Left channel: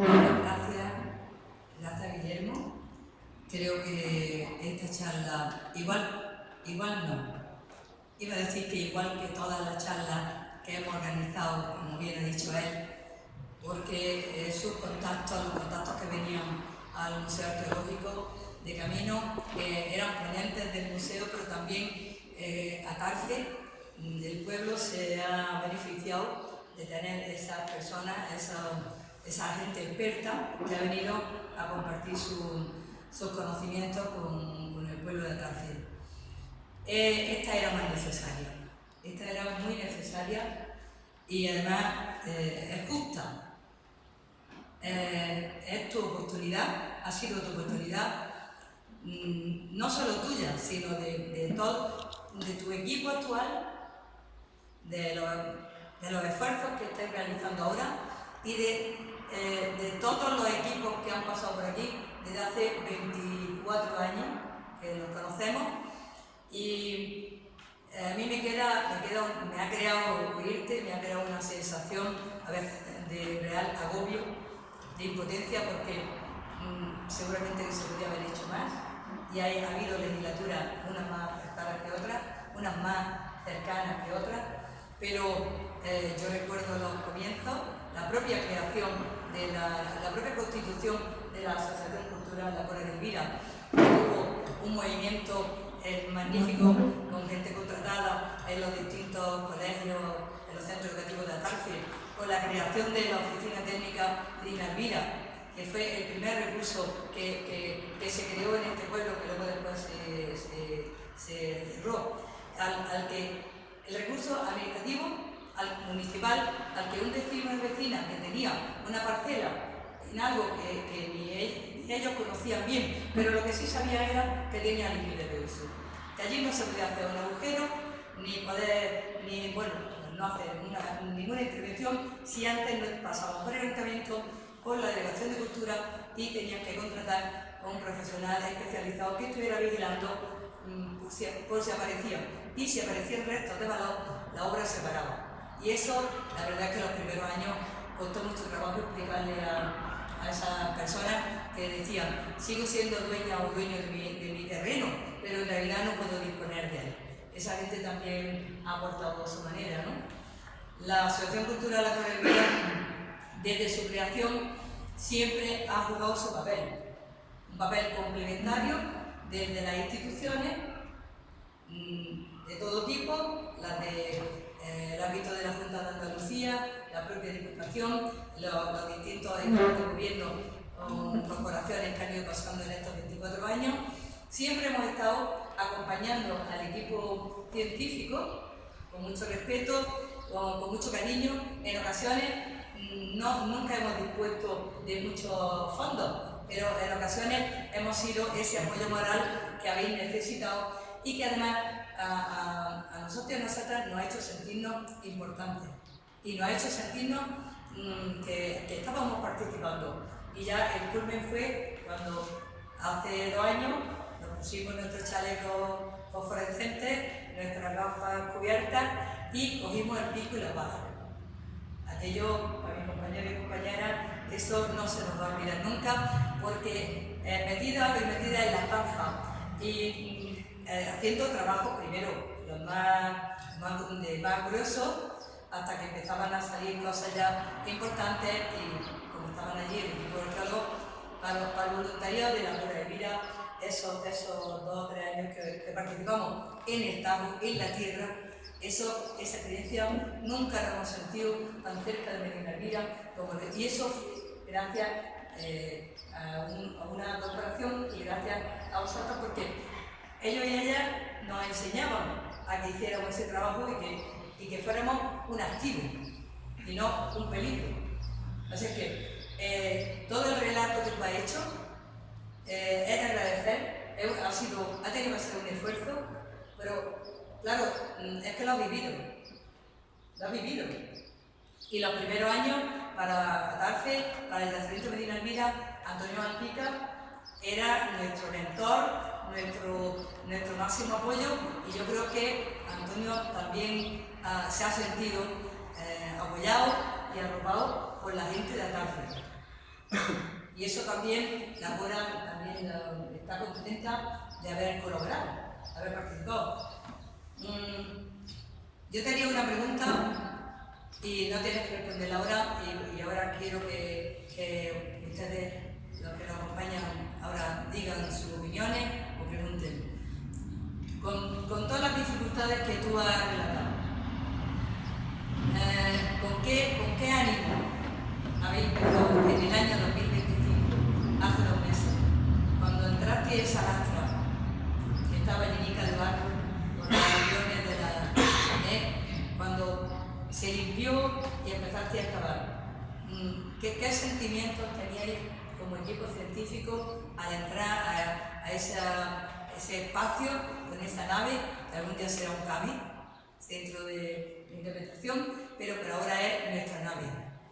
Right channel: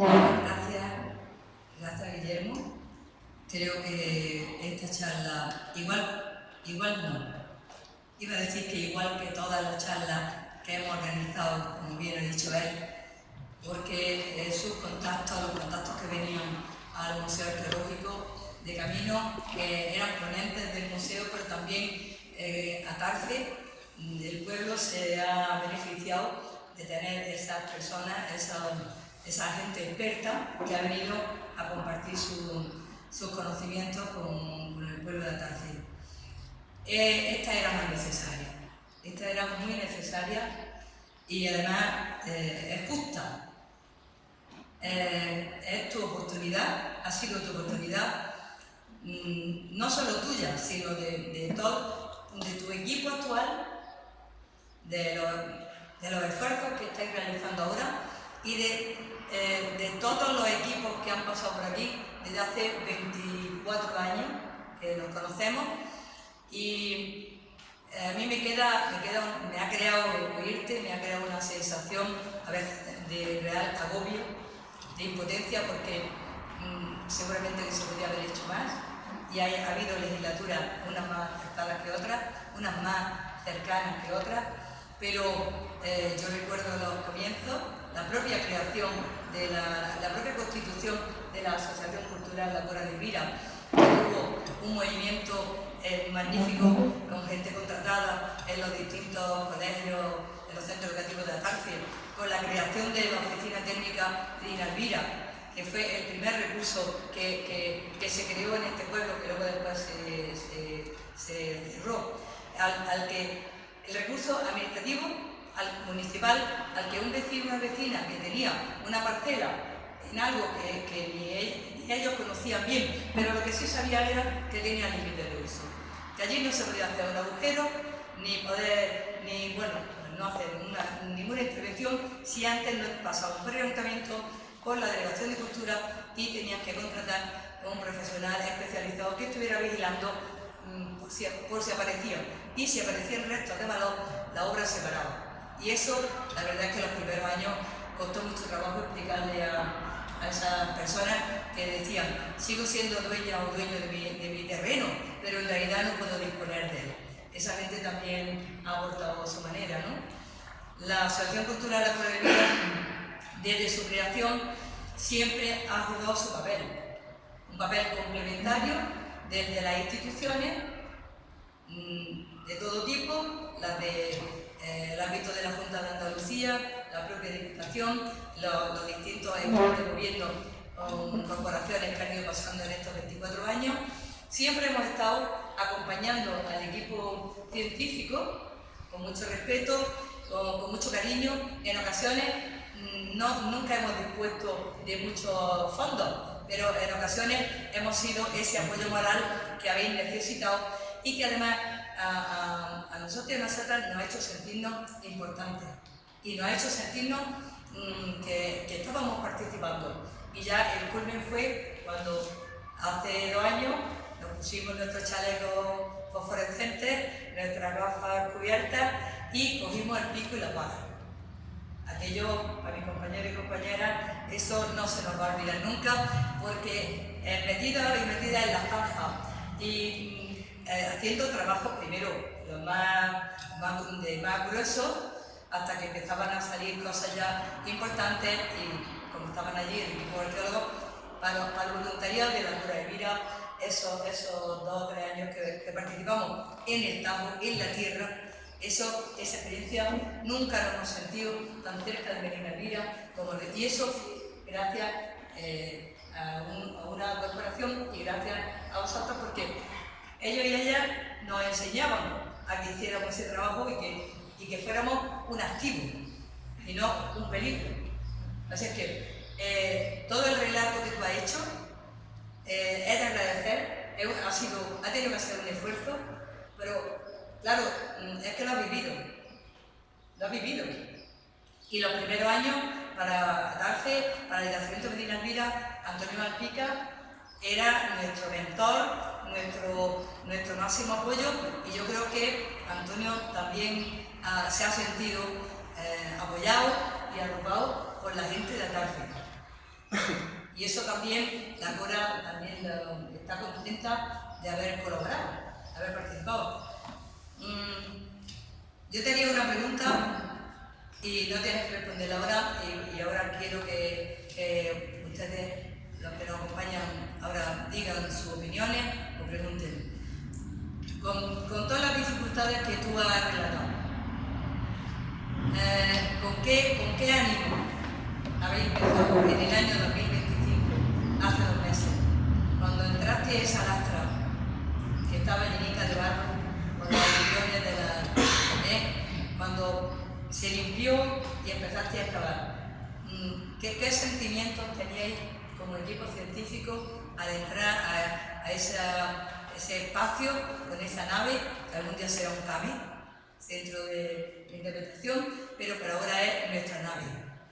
Gracias Guillermo. Creo que esta charla, igual no, iba a decir que igual que todas las charlas que hemos organizado, como bien ha dicho él, porque los contactos que venían al Museo Arqueológico de camino eran ponentes del museo, pero también Atarce, el pueblo se ha beneficiado de tener esas personas, esa gente experta que ha venido a compartir sus conocimientos con el pueblo de Atarce. Esta era más necesaria, esta era muy necesaria y además es justa. Es tu oportunidad, ha sido tu oportunidad, no solo tuya, sino de tu equipo actual, de los esfuerzos que estáis realizando ahora y de todos los equipos que han pasado por aquí desde hace 24 años que nos conocemos. Y a mí me ha creado oírte, me ha creado una sensación a veces de real agobio, de impotencia, porque seguramente que se podría haber hecho más y ha habido legislaturas, unas más acertadas que otras, unas más cercanas que otras, pero yo recuerdo los comienzos, la propia creación de la propia constitución de la Asociación Cultural La Cora de Elvira, que tuvo un movimiento magnífico con gente contratada en los distintos colegios, en los centros educativos de Atarce, con la creación de la oficina técnica de Elvira, que fue el primer recurso que se creó en este pueblo, que luego después se cerró, el recurso administrativo municipal, al que un vecino o una vecina que tenía una parcela en algo que ni ellos conocían bien, pero lo que sí sabía era que tenía límite de uso. Que allí no se podía hacer un agujero, no hacer ninguna intervención si antes no pasaba un pre-ayuntamiento por la Delegación de Cultura y tenías que contratar a un profesional especializado que estuviera vigilando por si aparecían. Y si aparecían restos de valor, la obra se paraba. Y eso, la verdad es que los primeros años costó mucho trabajo explicarle a esas personas que decían: sigo siendo dueña o dueño de mi terreno, pero en realidad no puedo disponer de él. Esa gente también ha aportado su manera, ¿no? La Asociación Cultural La Cora de Elvira, desde su creación, siempre ha jugado su papel, un papel complementario desde las instituciones de todo tipo, las del ámbito de la Junta de Andalucía, la propia Diputación, los distintos equipos de gobierno con corporaciones que han ido pasando en estos 24 años. Siempre hemos estado acompañando al equipo científico con mucho respeto, con mucho cariño. En ocasiones nunca hemos dispuesto de muchos fondos, pero en ocasiones hemos sido ese apoyo moral que habéis necesitado y que además a nosotros y a nosotras nos ha hecho sentirnos importantes y nos ha hecho sentirnos que estábamos participando. Y ya el culmen fue cuando hace 2 años nos pusimos nuestros chalecos fosforescentes, nuestras gafas cubiertas y cogimos el pico y la pala. Aquello, para mis compañeros y compañeras, eso no se nos va a olvidar nunca, porque metida en la zanja y haciendo trabajo primero los más gruesos, hasta que empezaban a salir cosas ya importantes, y como estaban allí el equipo arqueólogo, para el voluntariado de La Cora de Elvira, esos 2 o 3 años que participamos en el Tajo, en la tierra, esa experiencia nunca la hemos sentido tan cerca de Medina Elvira y eso fue gracias a una corporación y gracias a vosotros, porque ellos y ellas nos enseñaban a que hiciéramos ese trabajo y que fuéramos un activo y no un peligro. Así es que todo el relato que tú has hecho es de agradecer, ha tenido que ser un esfuerzo, pero claro, es que lo has vivido. Y los primeros años para Atarce, para el Yacimiento Medina Elvira, Antonio Malpica era nuestro mentor, nuestro máximo apoyo, y yo creo que Antonio también se ha sentido apoyado y arropado por la gente de Atarce. Y eso también, la Cora también está contenta de haber colaborado, de haber participado. Yo tenía una pregunta y no tienes que responderla ahora, y ahora quiero que ustedes, los que nos acompañan ahora, digan sus opiniones o pregunten. Con todas las dificultades que tú has relatado, ¿con qué ánimo habéis empezado en el año 2025, hace 2 meses, cuando entraste a esa lastra que estaba llenica de barro, con los millones de la... cuando se limpió y empezaste a excavar? ¿Qué sentimientos teníais como equipo científico al entrar a ese espacio con esa nave, que algún día será un CAMI, Centro de Interpretación, pero por ahora es nuestra nave,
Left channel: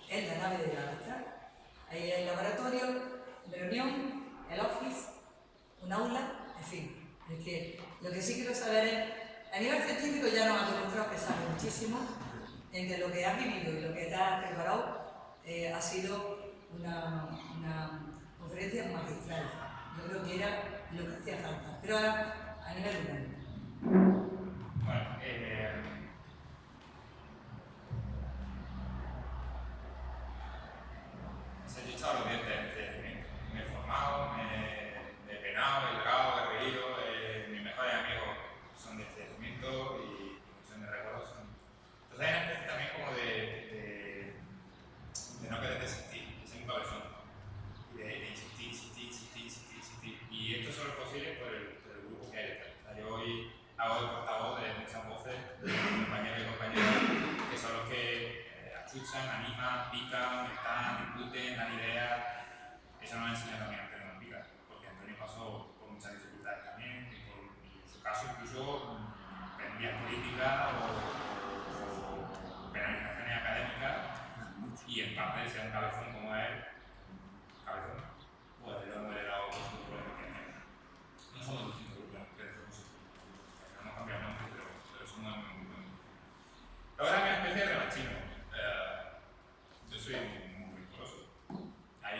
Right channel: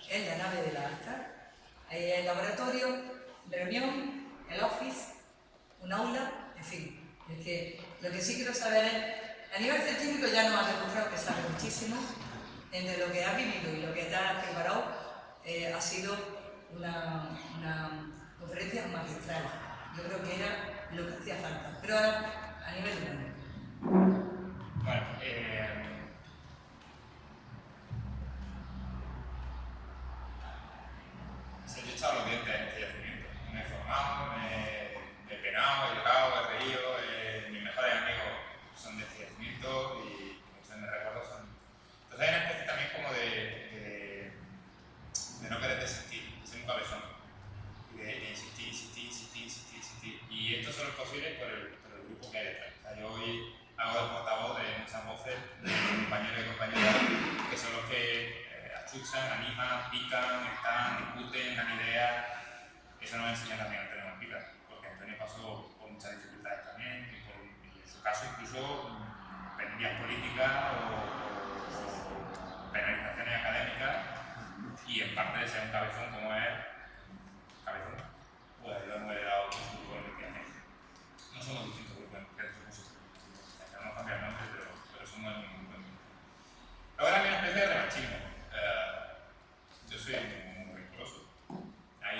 es la nave de la lastra? Ahí el laboratorio, reunión, el office, un aula, en fin. Es que lo que sí quiero saber es, a nivel científico ya nos has demostrado que sabes muchísimo, entre lo que has vivido y lo que te has preparado, ha sido una conferencia magistral. Yo creo que era lo que hacía falta. Pero ahora, a nivel humano. Bueno, yo he echado los dientes en este yacimiento. Me he formado, me he penado, he llorado, he reído. Mis mejores amigos son de este yacimiento y muchos de mis recuerdos son. Entonces hay una especie también como de no querer desistir, de ser un cabezón. Y de insistir. Y esto solo es posible por el grupo que hay detrás. O sea, yo hoy hago de portavoz de muchas voces de compañeros y compañeras que son los que achuchan, animan, pican, están, discuten, dan ideas. Eso nos enseña también a Antonio Pica, porque Antonio pasó por muchas dificultades también, y en su caso incluso penurias políticas o penalizaciones académicas, y en parte de ser un cabezón como es cabezón, pues lo hemos heredado con su grupo de investigación. No somos distintos grupos de investigación, no cambiar el nombre, pero somos muy buenos. Luego era una especie de revanchismo. Yo soy muy riguroso. Hay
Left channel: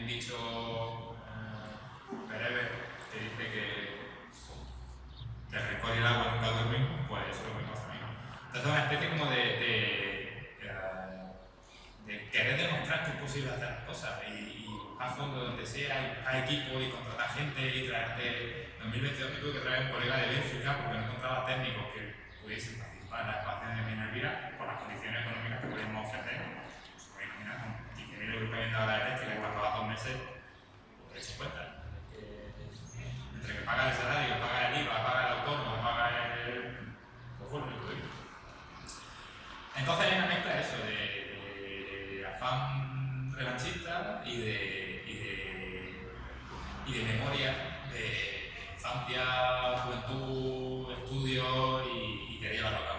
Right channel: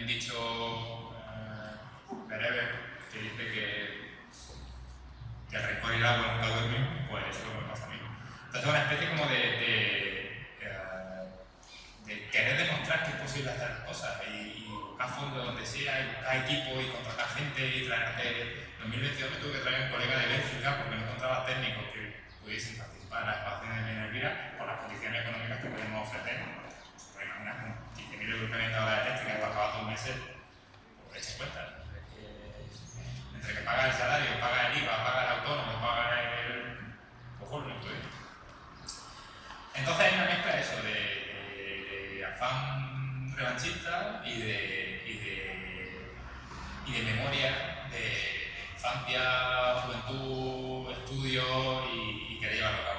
un dicho bereber que dice que el rencor y el agua nunca duermen, pues eso es lo que me pasa a mí. Entonces es una especie como de querer demostrar que es posible hacer las cosas y buscar fondos donde sea, y buscar equipo y contratar gente y traerte. En 2022 me tuve que traer un colega de Bélgica porque no encontraba técnicos que pudiesen participar en las excavaciones de Elvira por las condiciones económicas que podíamos ofrecer. Se puede imaginar, con 15.000 euros que habían dado la eléctrica y para acabar 2 meses, pues se cuenta. Entre que paga el salario, paga el IVA, paga el autónomo, paga el... Ojo, lo estoy. Entonces hay una mezcla de eso, de afán revanchista y de memoria, de infancia, juventud, estudio y querer llevarlo a cabo.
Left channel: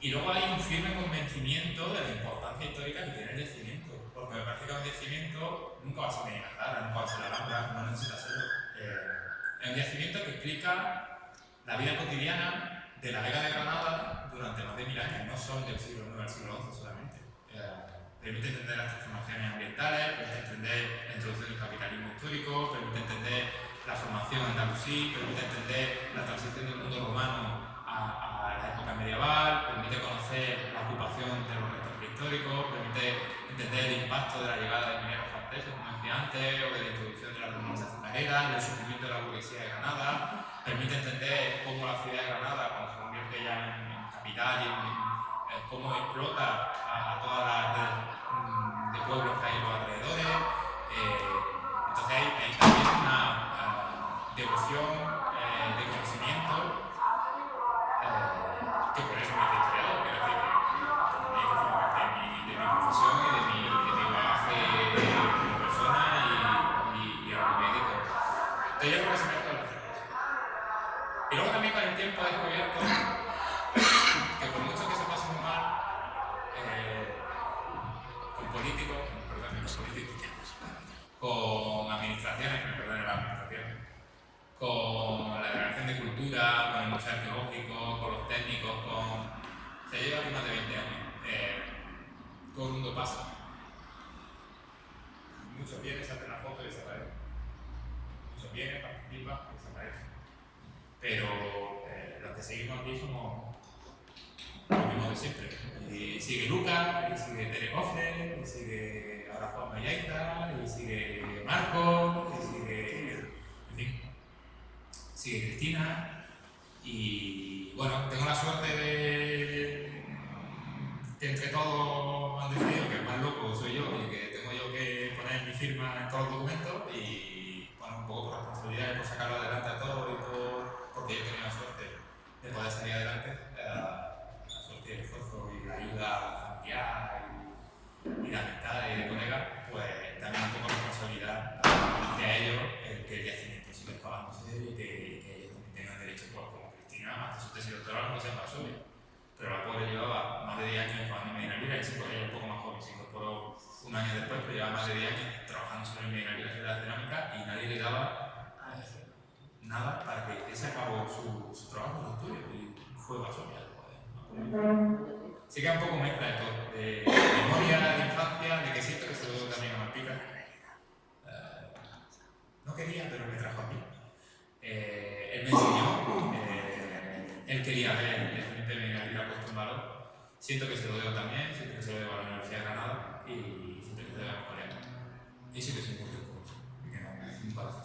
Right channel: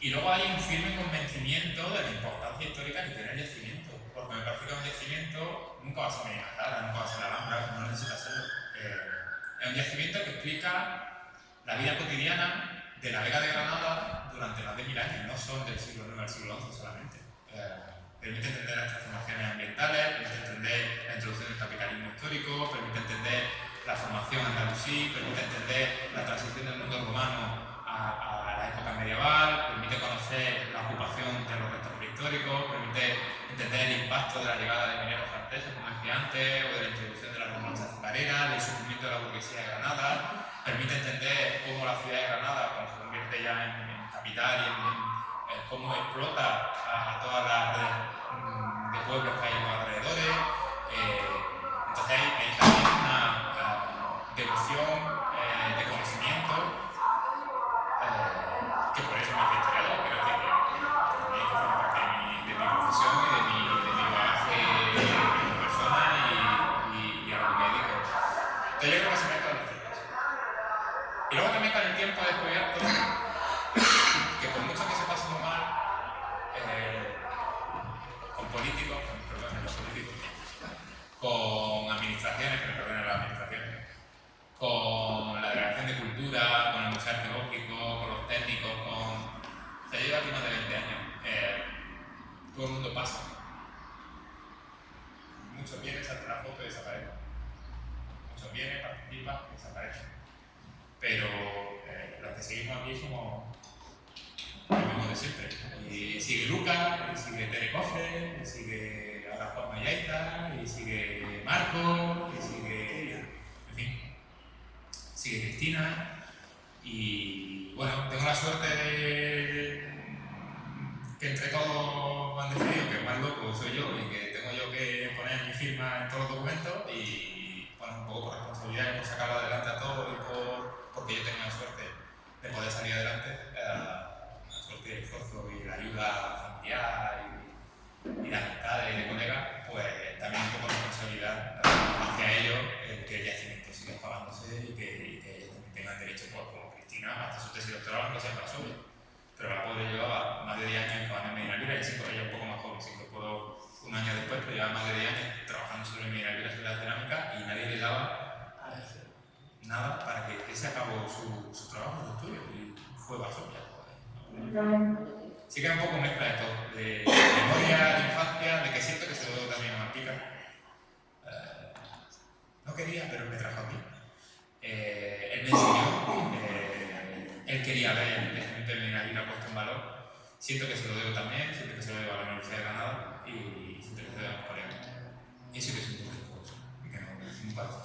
Y luego hay un firme convencimiento de la importancia histórica que tiene el yacimiento, porque me parece que un yacimiento nunca va a ser Medinaclara, nunca va a ser la Alhambra, no necesita serlo. Es un yacimiento que explica la vida cotidiana de la Vega de Granada durante más de 1000 años, no son del siglo IX al siglo XI solamente. Permite entender las transformaciones ambientales, permite entender la introducción del capitalismo histórico, permite entender la formación andalusí, permite entender la transición del mundo romano a la época medieval, permite conocer la ocupación de los restos prehistóricos, permite entender el impacto de la llegada de mineros franceses, como decía antes, o de la introducción de la remolacha azucarera, del surgimiento de la burguesía de Granada, permite entender cómo la ciudad de Granada, cuando se convierte ya en capital y en cómo explota a todas las redes de pueblos que hay en los alrededores. Entonces hay también una devoción de conocimiento que por eso me hice historiador. Creo que también forma parte de mi profesión y de mi bagaje como persona y a lo que me dedico. Entonces yo creo que se mezclan las tres cosas. Y luego también con el tiempo he descubierto que por mucho que se pase muy mal con políticos, que me perdonen los políticos, con administraciones, que me perdonen las administraciones, con la Delegación de Cultura, con el Museo Arqueológico, con los técnicos, se lleva aquí más de 20 años. Todo el mundo pasa. aquí somos los mismos de siempre. Y sigue Lucas, y sigue Tere Cofre, y sigue ahora Juan Mayaita, y sigue Marco, y sigue, en fin, sigue Cristina. Y bueno, tengo la suerte de que entre todos han decidido que el más loco soy yo y que tengo yo que poner mi firma en todos los documentos y bueno, un poco por responsabilidad y por sacarlo adelante a todos y porque yo tenía la suerte de poder salir adelante, la suerte y el esfuerzo y la ayuda familiar y de amistades y de colegas, pues también un poco de responsabilidad hacia ellos el que el yacimiento siga pagándose y que ellos también tengan derecho, pues, como Cristina, hasta su tesis doctoral, no sea más Varsovia. Pero la pobre llevaba más de 10 años en Medina Libre, y sí, pues ella un poco más joven, se incorporó un año después, pero llevaba más de 10 años trabajando sobre Medina Libre, sobre la cerámica, y nadie le daba nada para que se acabó su trabajo, su estudio, y fue Varsovia. Sí que es un poco mezcla de todo, de memoria, de infancia, de que siento que se lo debo también a Malpica. No quería, pero me trajo aquí. Él me enseñó, él quería ver el yacimiento de Medina Libre puesto en valor. Siento que se lo debo también, siento que se lo debo a la Universidad de Granada y siento que se lo debo a mis colegas. Y sí que soy un poco respetuoso, y que no, es un corazón.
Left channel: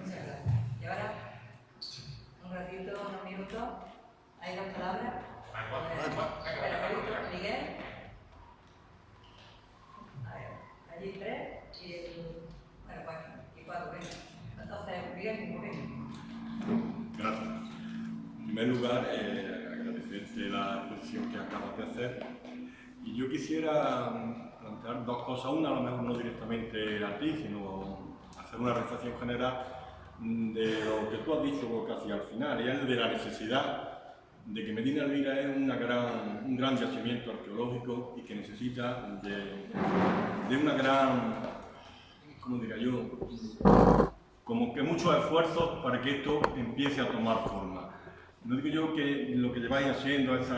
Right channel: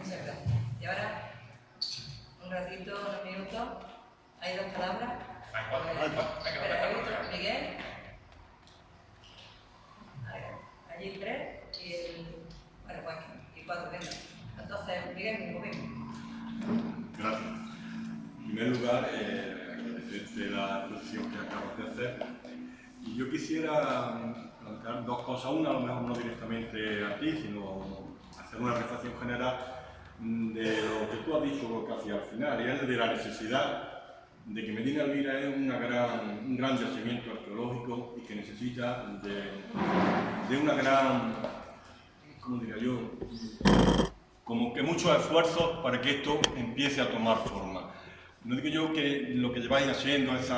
Muchas gracias. Y ahora, un ratito, unos minutos, hay 2 palabras. Hay 4. Venga, Miguel. Allí 3 y bueno, y 4, venga. Entonces, Miguel, muy bien. Gracias. En primer lugar, agradecerte la exposición que acabas de hacer. Y yo quisiera plantear 2 cosas. Una, a lo mejor no directamente a ti, sino hacer una reflexión general de lo que tú has dicho casi al final, y es de la necesidad de que Medina Elvira es un gran yacimiento arqueológico y que necesita de una gran, ¿cómo diría yo?, como que muchos esfuerzos para que esto empiece a tomar forma. No digo yo que lo que lleváis haciendo esos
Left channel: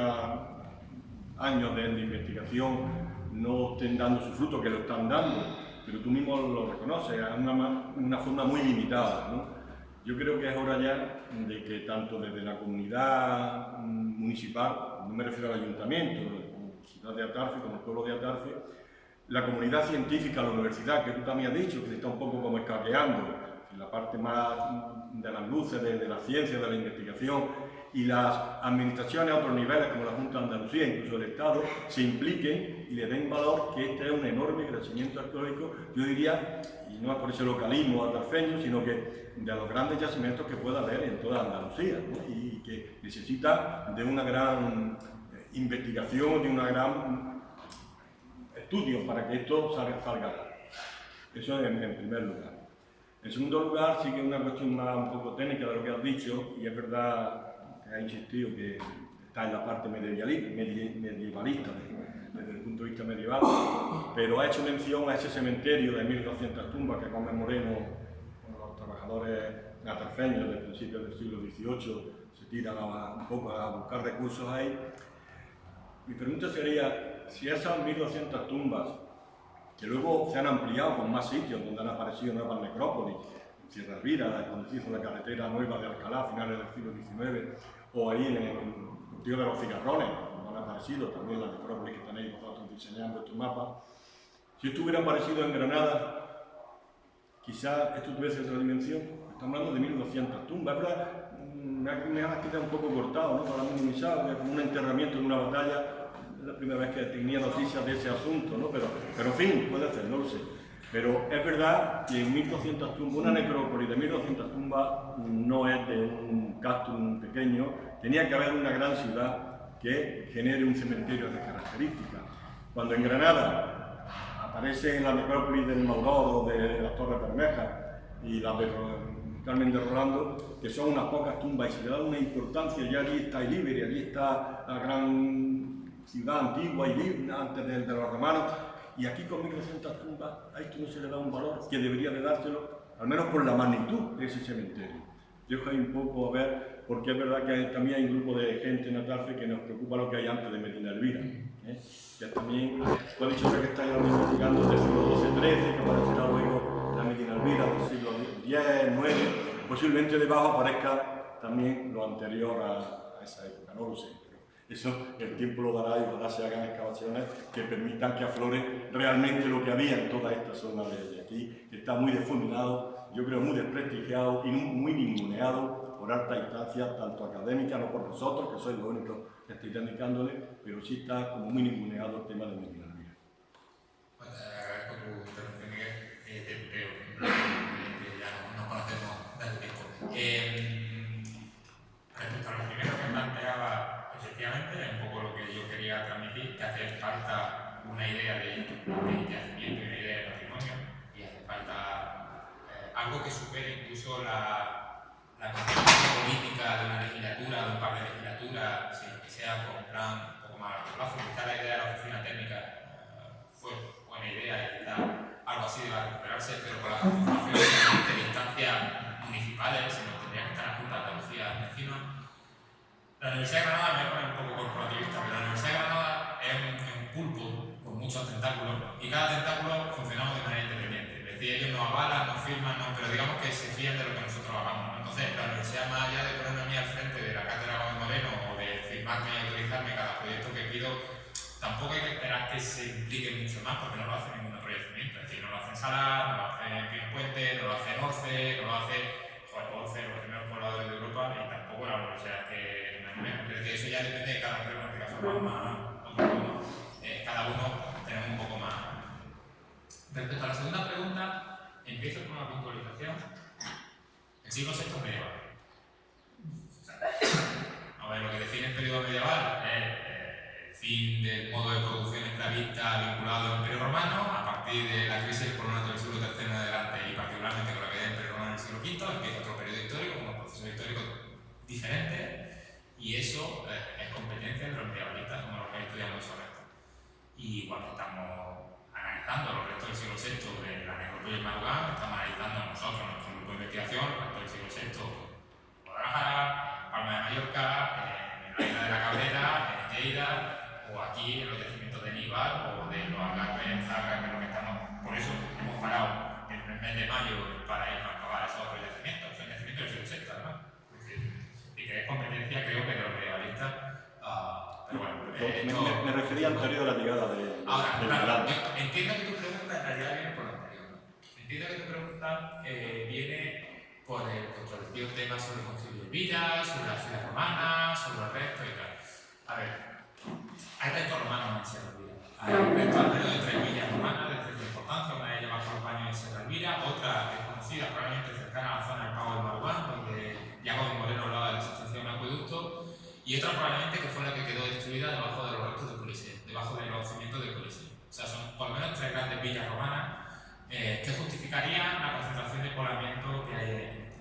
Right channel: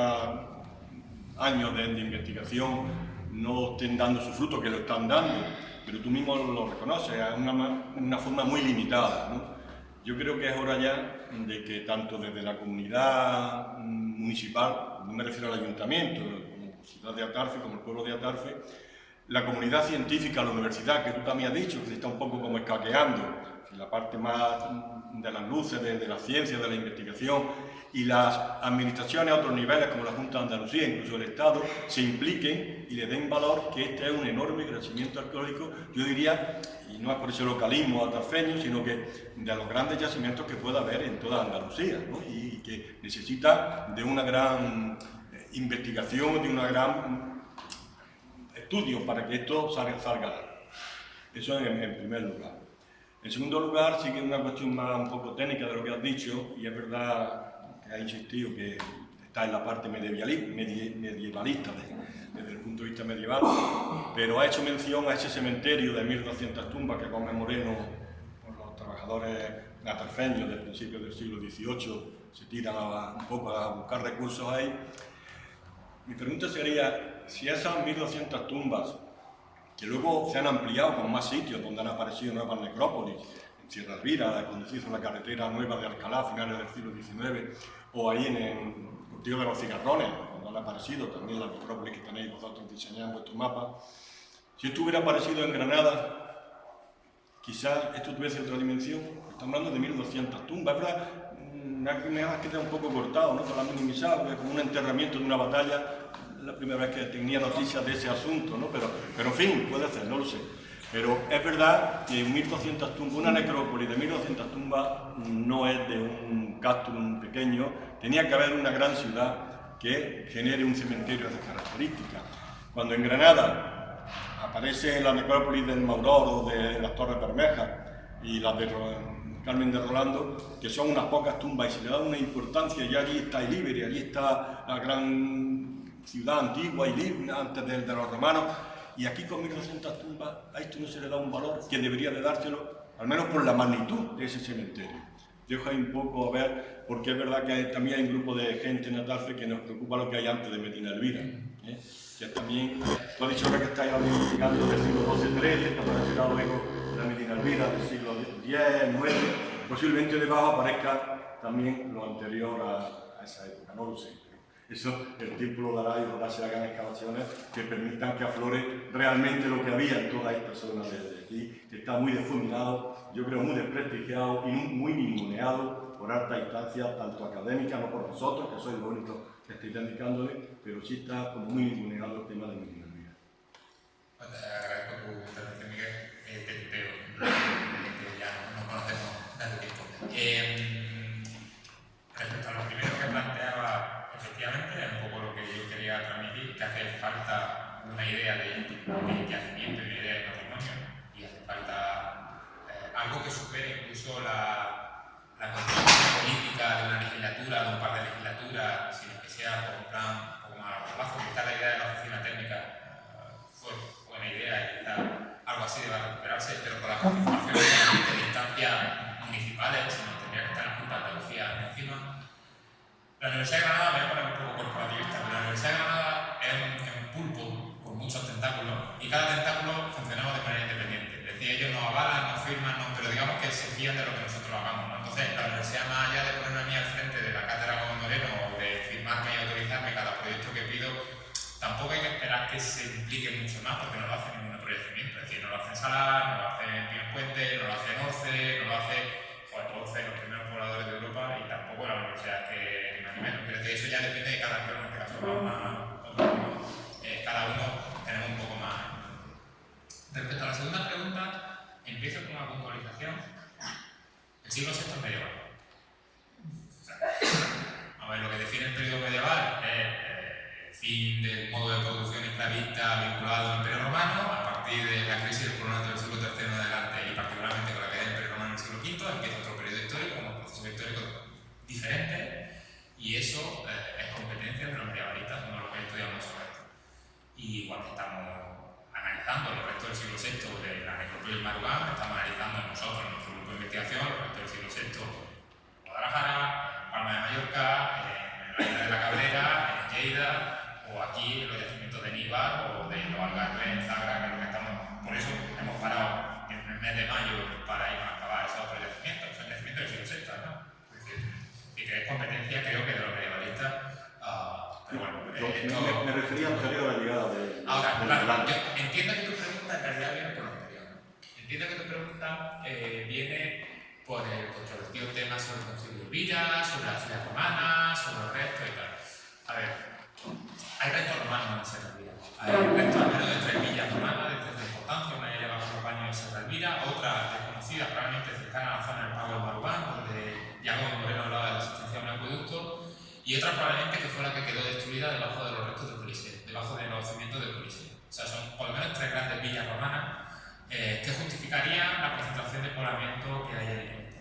años de investigación no estén dando su fruto, que lo están dando, pero tú mismo lo reconoces, es una forma muy limitada, ¿no? Yo creo que es hora ya de que tanto desde la comunidad municipal, no me refiero al ayuntamiento, como ciudad de Atarfe, como el pueblo de Atarfe, la comunidad científica, la universidad, que tú también has dicho, que se está un poco como escaqueando, la parte más de las luces, de la ciencia, de la investigación, y las administraciones a otros niveles, como la Junta de Andalucía, incluso el Estado, se impliquen y le den valor que este es un enorme yacimiento arqueológico, yo diría, y no es por ese localismo atarfeño, sino que de los grandes yacimientos que pueda haber en toda Andalucía, ¿no? Y que necesita de una gran investigación, de una gran estudio para que esto salga a la luz. Eso en primer lugar. En segundo lugar, sí que es una cuestión más un poco técnica de lo que has dicho, y es verdad que has insistido que está en la parte medievalista desde el punto de vista medieval, pero ha hecho mención a ese cementerio de 1200 tumbas que Gómez Moreno, con los trabajadores atarfeños del principio del siglo XVIII, se tiran un poco a buscar recursos ahí. Mi pregunta sería, si esas 1200 tumbas, que luego se han ampliado con más sitios donde han aparecido nuevas necrópolis, en Sierra Elvira, cuando se hizo la carretera nueva de Alcalá a finales del siglo XIX, o ahí en el Cultivo de los Cigarrones, donde han aparecido también las necrópolis que tenéis vosotros diseñando estos mapas. Si esto hubiera aparecido en Granada, quizás esto tuviese otra dimensión. Estamos hablando de 1200 tumbas, es verdad, me ha quedado un poco cortado, ¿no? Para minimizar, como un enterramiento de una batalla. Es la primera vez que tenía noticias de ese asunto, ¿no? Pero en fin, puede ser, no lo sé. Pero es verdad que 1200 tumbas, una necrópolis de 1200 tumbas no es de un castrum pequeño, tenía que haber una gran ciudad que genere un cementerio de esas características. Cuando en Granada aparece la necrópolis del Mauror o de las Torres Bermejas y las de Carmen de Rolando, que son unas pocas tumbas y se le da una importancia, ya allí está Ilíberia, allí está la gran ciudad antigua y libre antes de los romanos, y aquí con 1200 tumbas a esto no se le da un valor que debería de dárselo, al menos por la magnitud de ese cementerio. Dejo ahí un poco a ver, porque es verdad que también hay un grupo de gente en Atarfe que nos preocupa lo que hay antes de Medina Elvira, que también, tú has dicho ahora que estáis investigando del siglo XII-XIII, que aparecerá luego la Medina Elvira del siglo X, IX, posiblemente debajo aparezca también lo anterior esa época, no lo sé. Pero eso el tiempo lo dará y ojalá se hagan excavaciones que permitan que aflore realmente lo que había en toda esta zona de aquí, que está muy difuminado, yo creo muy desprestigiado y muy ninguneado por alta instancia, tanto académica, no por nosotros, que sois los únicos que estáis dedicándole, pero sí está como muy ninguneado el tema de Medina Elvira. Pues te agradezco tu intervención, Miguel. Te tuteo, que ya nos conocemos tanto tiempo. Respecto a lo primero que planteaba, efectivamente, es un poco lo que yo quería transmitir, que hace falta una idea de yacimiento y una idea de patrimonio, y hace falta algo que supere incluso la constitución política de una legislatura, de un par de legislaturas, sino que sea con un plan un poco más a largo plazo. Quizá la idea de la oficina técnica fue buena idea y quizá algo así va a recuperarse, pero con la participación de instancias municipales, sino tendría que estar la Junta de Andalucía encima. La Universidad de Granada, voy a poner un poco corporativista, pero la Universidad de Granada es un pulpo con muchos tentáculos y cada tentáculo funcionaba de manera independiente. Es decir, ellos nos avalan, nos firman, pero digamos que se fían de lo que nosotros hagamos, ¿no? Entonces, la universidad, más allá de ponerme a mí al frente de la cátedra Gómez Moreno o de firmarme y autorizarme cada proyecto que pido, tampoco hay que esperar que se implique mucho más porque no lo hace ningún otro yacimiento. Es decir, no lo hace Salar, no lo hace Pinos Puente, no lo hace Orce, no lo hace Orce, los primeros pobladores de Europa, y tampoco la universidad que ni más ni menos. Quiero decir, eso ya depende de cada uno, en este caso cada uno tenemos un poco más. Respecto a la segunda pregunta, empiezo con una puntualización. El siglo VI es medieval. A ver, lo que define el periodo medieval es el fin del modo de producción esclavista vinculado al Imperio Romano, a partir de la crisis del coronato del siglo III en adelante, y particularmente con la caída del Imperio Romano en el siglo V, empieza otro periodo histórico, un proceso histórico diferente, y eso es competencia de los medievalistas, como los que estudiamos sobre esto. Y cuando estamos analizando los restos del siglo VI de la necrópolis de Marugán, estamos analizando nosotros, nuestro grupo de investigación, los restos del siglo VI en Guadalajara, en Palma de Mallorca, en la isla de la Cabrera, en Lleida, o aquí en los yacimientos de Níbar o de los Algarves, en Zagra, que es lo que estamos. Por eso hemos parado en el mes de mayo para irnos a pagar esos otros yacimientos. Son yacimientos del siglo VI, ¿no? Es decir, y que es competencia, creo que de los medievalistas. Pero bueno, me refería anterior a la llegada de. Ahora, claro, yo entiendo que tu pregunta en realidad viene por lo anterior. Entiendo que tu pregunta viene por el controvertido tema sobre el concilio de Elvira, sobre la ciudad romana, sobre los restos y tal. A ver, hay restos romanos en Sierra Elvira. Hay restos al menos de 3 villas romanas de cierta importancia, una de ellas bajo los baños de Sierra Elvira, otra desconocida, probablemente cercana a la zona del Pago del Marugán, donde ya Gómez Moreno hablaba de la existencia de un acueducto, y otra probablemente que fue la que quedó destruida debajo de los restos del Coliseo, debajo de los cimientos del Coliseo. O sea, son por lo menos 3 grandes villas romanas que justificarían la concentración de poblamiento que hay ahí.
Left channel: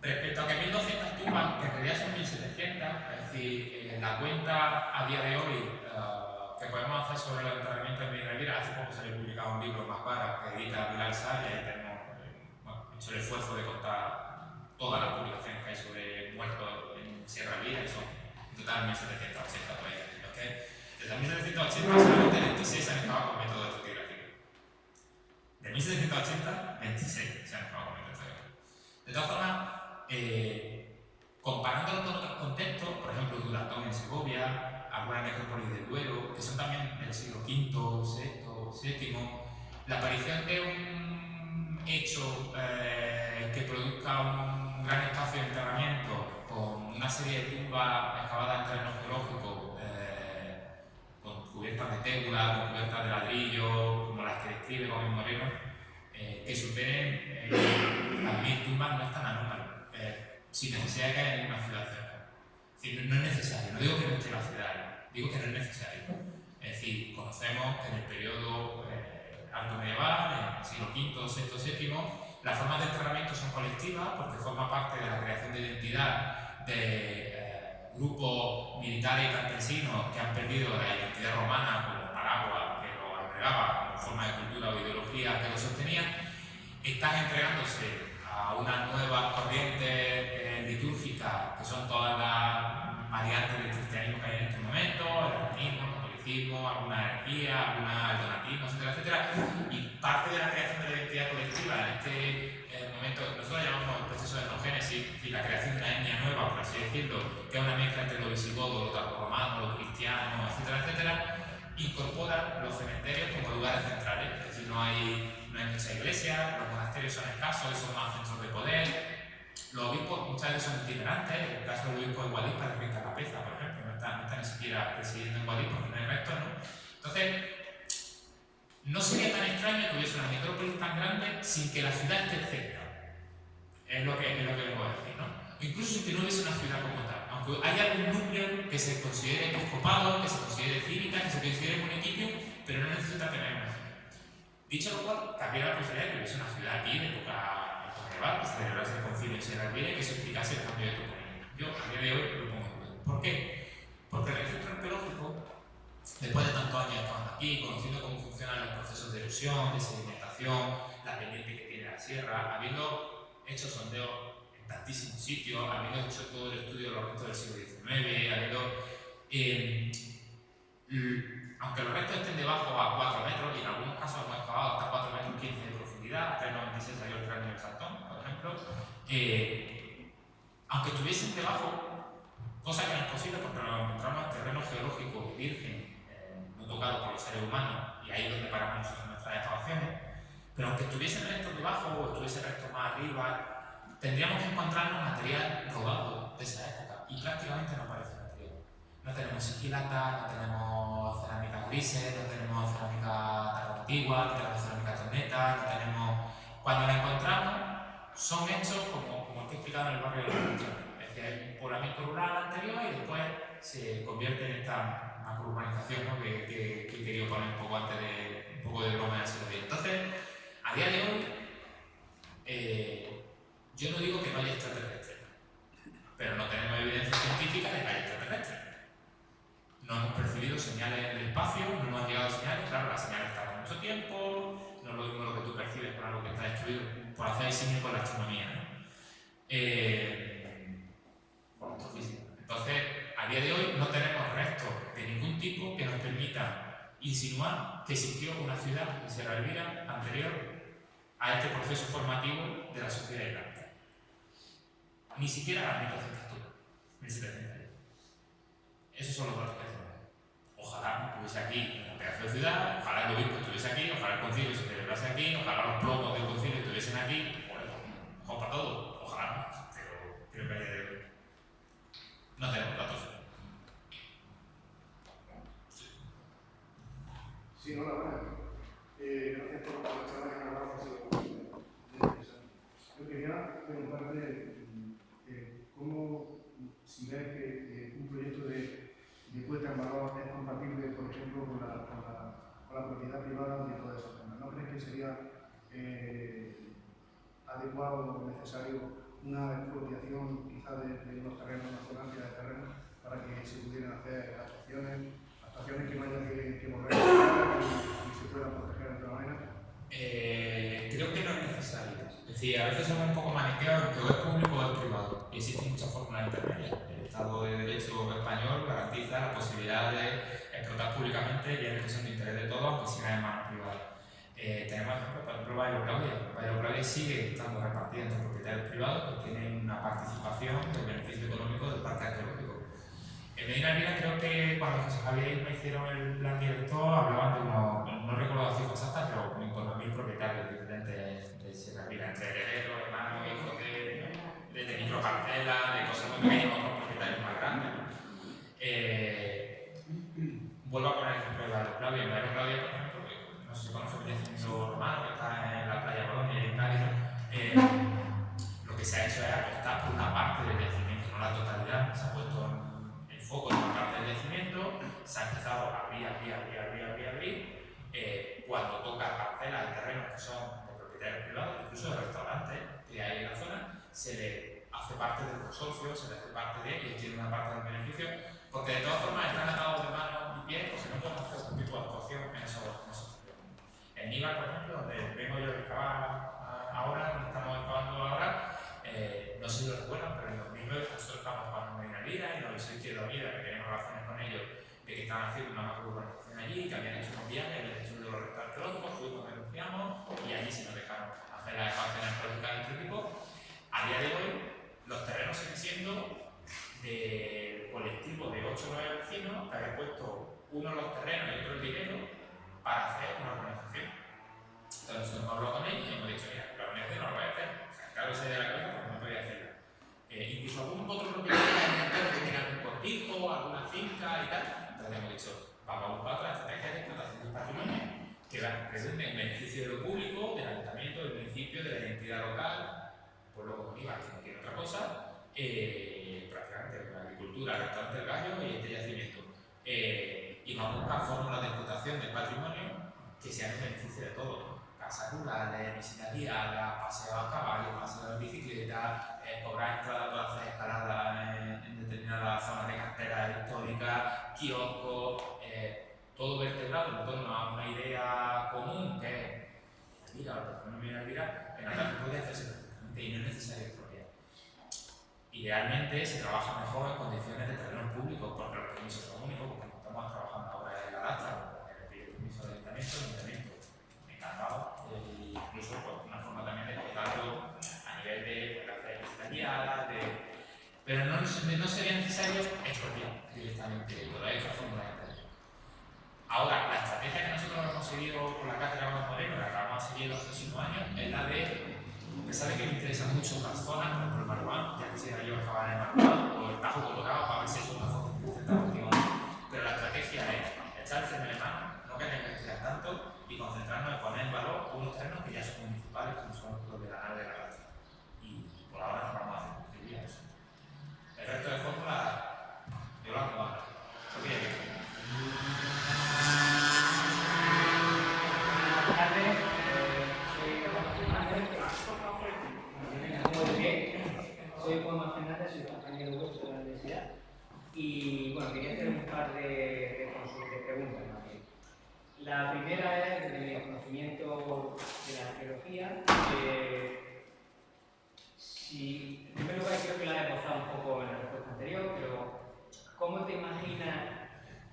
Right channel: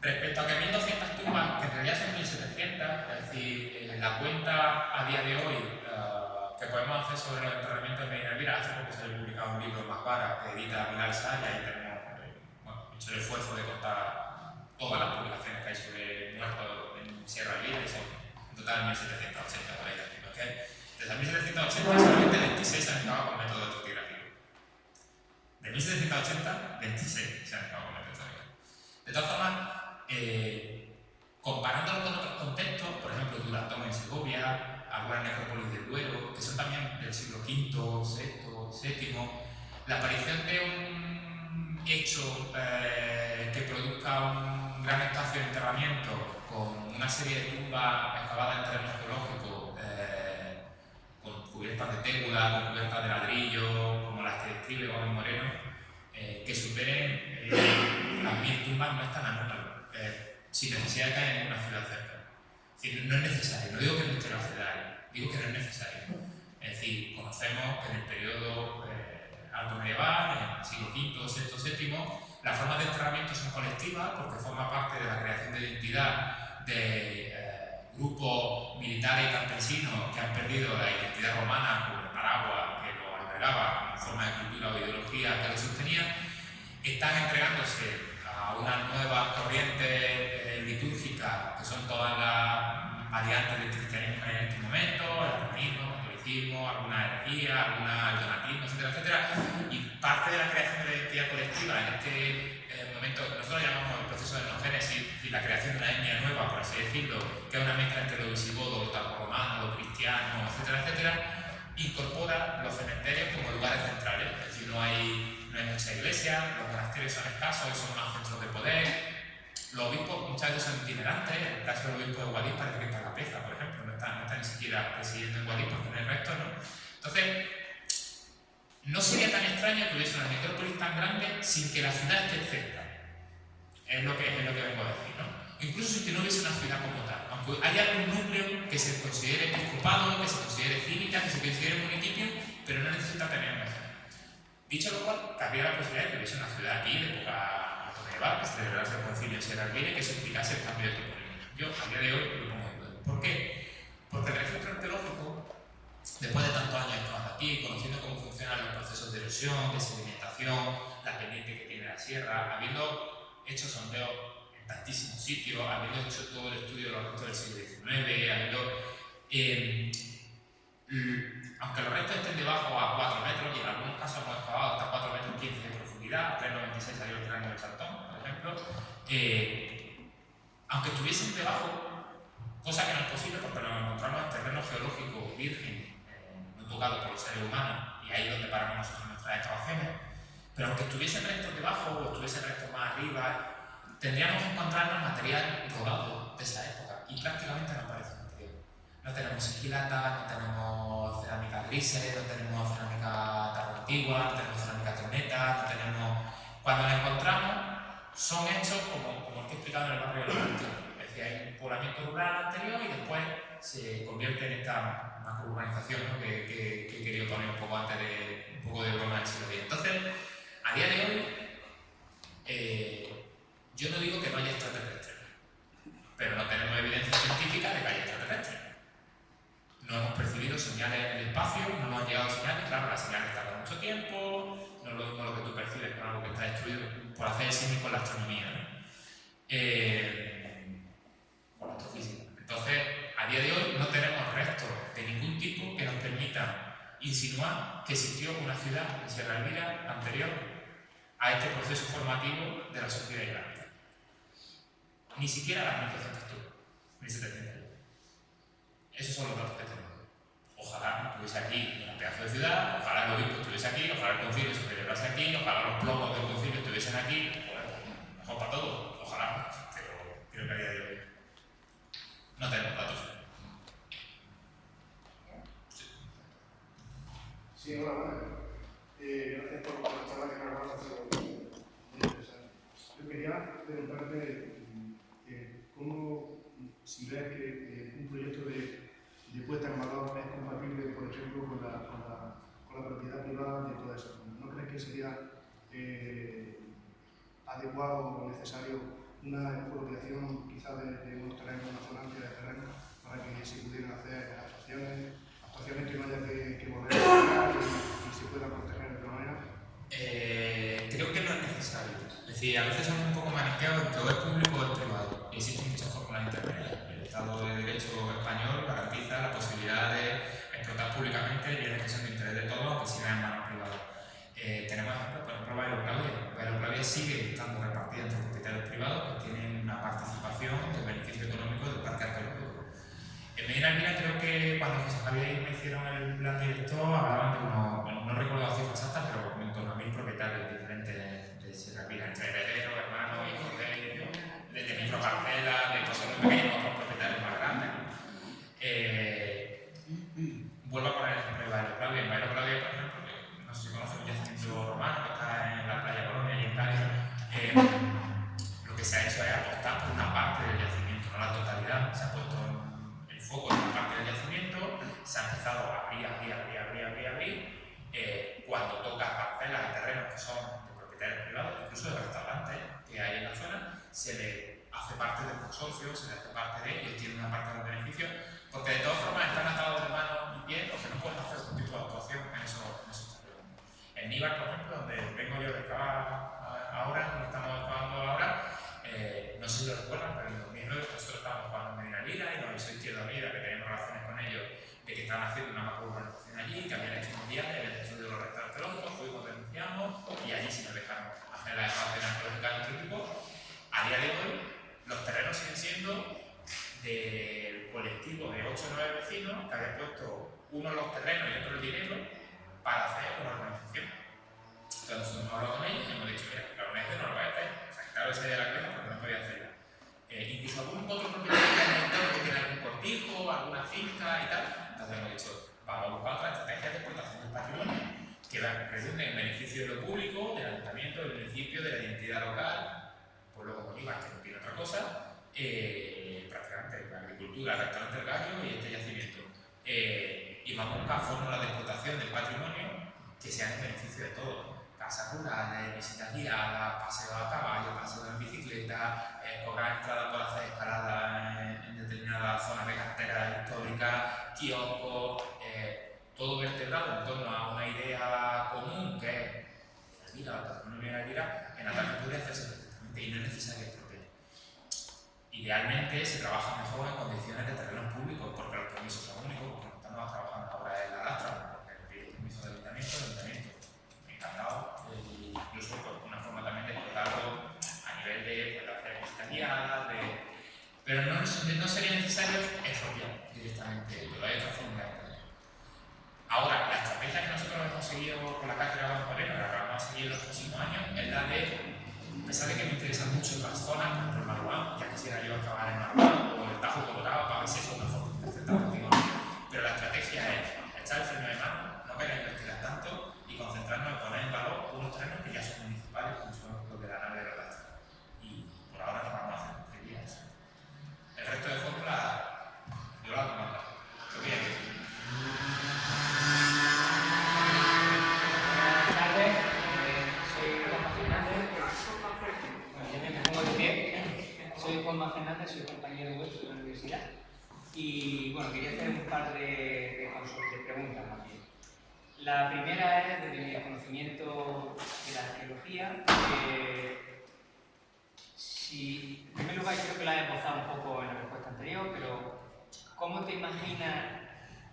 Respecto a que 1200 tumbas, que en realidad son 1700, es decir, la cuenta a día de hoy que podemos hacer sobre los enterramientos de Medina Elvira, hace poco salió publicado un libro más vara que edita Vilar Sá, y ahí tenemos hecho el esfuerzo de contar todas las publicaciones que hay sobre muertos en Sierra Elvira, y son en total 1780 por ahí. Desde 1780 solamente 26 se han excavado con método estratigrafío. De 1780, 26 se han excavado con método estratigrafío. De todas formas, comparándolo con otros contextos, por ejemplo Duratón en Segovia, algunas necrópolis del Duero, que son también del siglo V, VI, VII, la aparición de un hecho que produzca un gran espacio de enterramiento con una serie de tumbas excavadas en terreno geológico, con cubiertas de tégula, con cubiertas de ladrillo, como las que describe Gómez Moreno, que superen las 1000 tumbas, no es tan anómalo, sin necesidad de que haya ninguna ciudad cerca. Es decir, no es necesario, no digo que no esté la ciudad ahí, digo que no es necesario. Es decir, conocemos que en el periodo alto medieval, en el siglo V, VI, VII, las formas de enterramiento son colectivas porque forma parte de la creación de identidad de grupos militares y campesinos que han perdido la identidad romana como el paraguas que lo albergaba como forma de cultura o ideología que lo sostenía. Están entregándose a unas nuevas corrientes litúrgicas que son todas las variantes del cristianismo que hay en este momento, el romanismo, el catolicismo, alguna herejía, alguna el donatismo, etcétera, etcétera. Y parte de la creación de la identidad colectiva en este momento, nosotros llamamos el proceso de etnogénesis y la creación de una etnia nueva, por así decirlo, que es una mezcla entre lo visigodo, lo tardorromano, lo cristiano, etcétera, etcétera, incorpora los cementerios como lugares centrales. Es decir, no hay mucha iglesia, los monasterios son escasos y son más centros de poder. Los obispos muchas veces son itinerantes. En el caso del obispo de Guadix parece que está Capeza, por ejemplo, no está ni siquiera presidiendo en Guadix porque no hay restos, ¿no? Entonces, no sería tan extraño que hubiese una necrópolis tan grande sin que la ciudad esté cerca. Es lo que vengo a decir, ¿no? Incluso sin que no hubiese una ciudad como tal. Aunque haya algún núcleo que se considere episcopado, que se considere cívica, que se considere municipio, pero no necesita tener una ciudad. Dicho lo cual, cabría la posibilidad de que hubiese una ciudad aquí de época medieval, que se celebrase el concilio en Sierra Elvira y que se explicase el cambio de toponimia. Yo, a día de hoy, lo pongo en duda. ¿Por qué? Porque el registro arqueológico, después de tantos años estando aquí, conociendo cómo funcionan los procesos de erosión, de sedimentación, la pendiente que tiene la sierra, habiendo hecho sondeos en tantísimos sitios, habiendo hecho todo el estudio de los restos del siglo XIX, aunque los restos estén debajo a 4 metros, y en algunos casos hemos excavado hasta 4 metros 15 de profundidad, 3,96 salió el cráneo del Saltón, por ejemplo, aunque estuviesen debajo, cosa que no es posible porque nos encontramos en terreno geológico virgen, no tocado por los seres humanos, y ahí es donde paramos nosotros nuestras excavaciones, pero aunque estuviesen restos debajo o estuviesen restos más arriba, tendríamos que encontrarnos material rodado de esa época, y prácticamente no aparece material. No tenemos sigilatas, no tenemos cerámica grises, no tenemos cerámica tardo antigua, no tenemos cerámica torneta, no tenemos... Cuando la encontramos, son hechos como el que he explicado en el barrio de la Antigua. Es decir, hay un poblamiento rural anterior y después se convierte en esta macrourbanización, ¿no? que he querido poner un poco antes de broma en el siglo X. Entonces, a día de hoy, yo no digo que no haya extraterrestres, pero no tenemos evidencia científica de que haya extraterrestres. No hemos percibido señales en el espacio, no nos han llegado señales, claro, las señales tardan mucho tiempo, no es lo mismo lo que tú percibes con algo que está destruido, por hacer el símil con la astronomía, ¿no? Con la astrofísica. Entonces, a día de hoy no tenemos restos de ningún tipo que nos permitan insinuar que existió una ciudad en Sierra Elvira anterior a este proceso formativo de la sociedad islámica. Ni siquiera las 1200 1700. Esos son los datos que tenemos. Ojalá estuviese aquí un pedazo de ciudad, ojalá el obispo estuviese aquí, ojalá el concilio se celebrase aquí, ojalá los plomos del concilio estuviesen aquí. Bueno, mejor para todos, ojalá, pero creo que a día de hoy no tenemos datos. Sí, hola, bueno. Gracias por la charla que me has dado, ha sido muy interesante. Yo quería preguntarte cómo, si ves que un proyecto de puesta en valor es compatible, por ejemplo, con la propiedad privada de toda esa zona. ¿No crees que sería adecuado o necesario una expropiación quizá de unos terrenos, una zona amplia de terrenos, para que se pudieran hacer actuaciones que no haya que volver a pagar y se puedan proteger de otra manera? Creo que no es necesario. Es decir, a veces somos un poco maniqueados entre o es público o es privado, y existen muchas fórmulas intermedias. El Estado de Derecho español garantiza la posibilidad de explotar públicamente bienes que son de interés de todos, aunque sigan en manos privadas. Tenemos ejemplos, por ejemplo, Bailo Claudia. Bailo Claudia sigue estando repartida entre propietarios privados que tienen una participación del beneficio económico del parque arqueológico. En Medina Elvira creo que cuando José Javier me hicieron el plan director hablaban de unos, no recuerdo la cifra exacta, pero en torno a 1000 propietarios diferentes de Sierra Elvira, entre herederos, hermanos, hijos de microparcelas, de cosas muy pequeñas, otros propietarios más grandes, ¿no? Vuelvo a poner el ejemplo de Bailo Claudia. En Bailo Claudia, por ejemplo, no sé si conoces el yacimiento romano que está en la playa Colonia y en Cádiz, lo que se ha hecho es apostar por una parte del yacimiento, no la totalidad. Se ha puesto el foco en una parte del yacimiento, se ha empezado a abrir. Cuando toca parcelas y terrenos que son de propietarios privados, incluso de restaurantes que hay en la zona, se le hace parte del consorcio, se le hace parte de ellos, tiene una parte del beneficio, porque de todas formas están atados de manos y pies, o sea, no pueden hacer otro tipo de actuación en esos terrenos. En Níbar, por ejemplo, donde vengo yo a excavar ahora, donde estamos excavando ahora, no sé si lo recuerdan, pero en 2009 nosotros estábamos excavando en Medina Elvira y nos hizo Izquierda Unida, que teníamos relaciones con ellos, de que estaban haciendo una macrourbanización allí, que habían hecho unos viajes, habían hecho de los restos arqueológicos, fuimos, denunciamos y allí sí nos dejaron hacer las excavaciones arqueológicas de otro tipo. A día de hoy, los terrenos siguen siendo de redunde en beneficio de lo público, del ayuntamiento, del municipio, de la identidad local, pues luego con IVA, que no tiene otra cosa, prácticamente la agricultura, el restaurante del gallo y este yacimiento. Y vamos a buscar fórmulas de explotación del patrimonio que sean en beneficio de todos. Casas rurales, visitas guiadas, paseos a caballo, paseos en bicicleta, cobrar entrada por hacer escalada en determinadas zonas de carretera histórica, kioscos, todo vertebrado en torno a una idea común que es el patrimonio de la vida, en la que puede hacerse perfectamente y no es necesario expropiar. Idealmente se trabaja mejor en condiciones de terrenos públicos porque los permisos son únicos, porque estamos trabajando ahora en la lastra, porque no pide permiso del ayuntamiento, encantado, incluso pues, una forma también de explotarlo a nivel de pues, hacer visitas guiadas, pero no sería necesario expropiar directamente, pero hay otras formas de entender. Ahora, la estrategia que nosotros hemos seguido con la cátedra Gómez Moreno, la que vamos a seguir en los próximos años, es la de, a pesar de que me interesan mucho otras zonas, por ejemplo el Maruán, ya quisiera yo acabar en el Maruán, o el Tajo Colorado, para ver si es una foto que aceptamos contigo, pero la estrategia es echar el freno de mano, no querer investigar tanto y concentrarnos en poner en valor unos terrenos que ya son municipales, como son los de la nave de la lastra. Y por ahora nos vamos a hacer construir. El resto de fórmulas, yo las comando. ¿Qué viene? Buenas tardes, soy Juanma Fernández. Bueno, ya me pongo de pie. Soy Juanma Fernández, soy compañero vuestro de la universidad. Y bueno, quería hacer un par de preguntas más bien. La primera es, desde mi conocimiento de la arqueología, en primer lugar creo que la he esbozado un poco en la respuesta anterior, pero ¿cómo te imaginas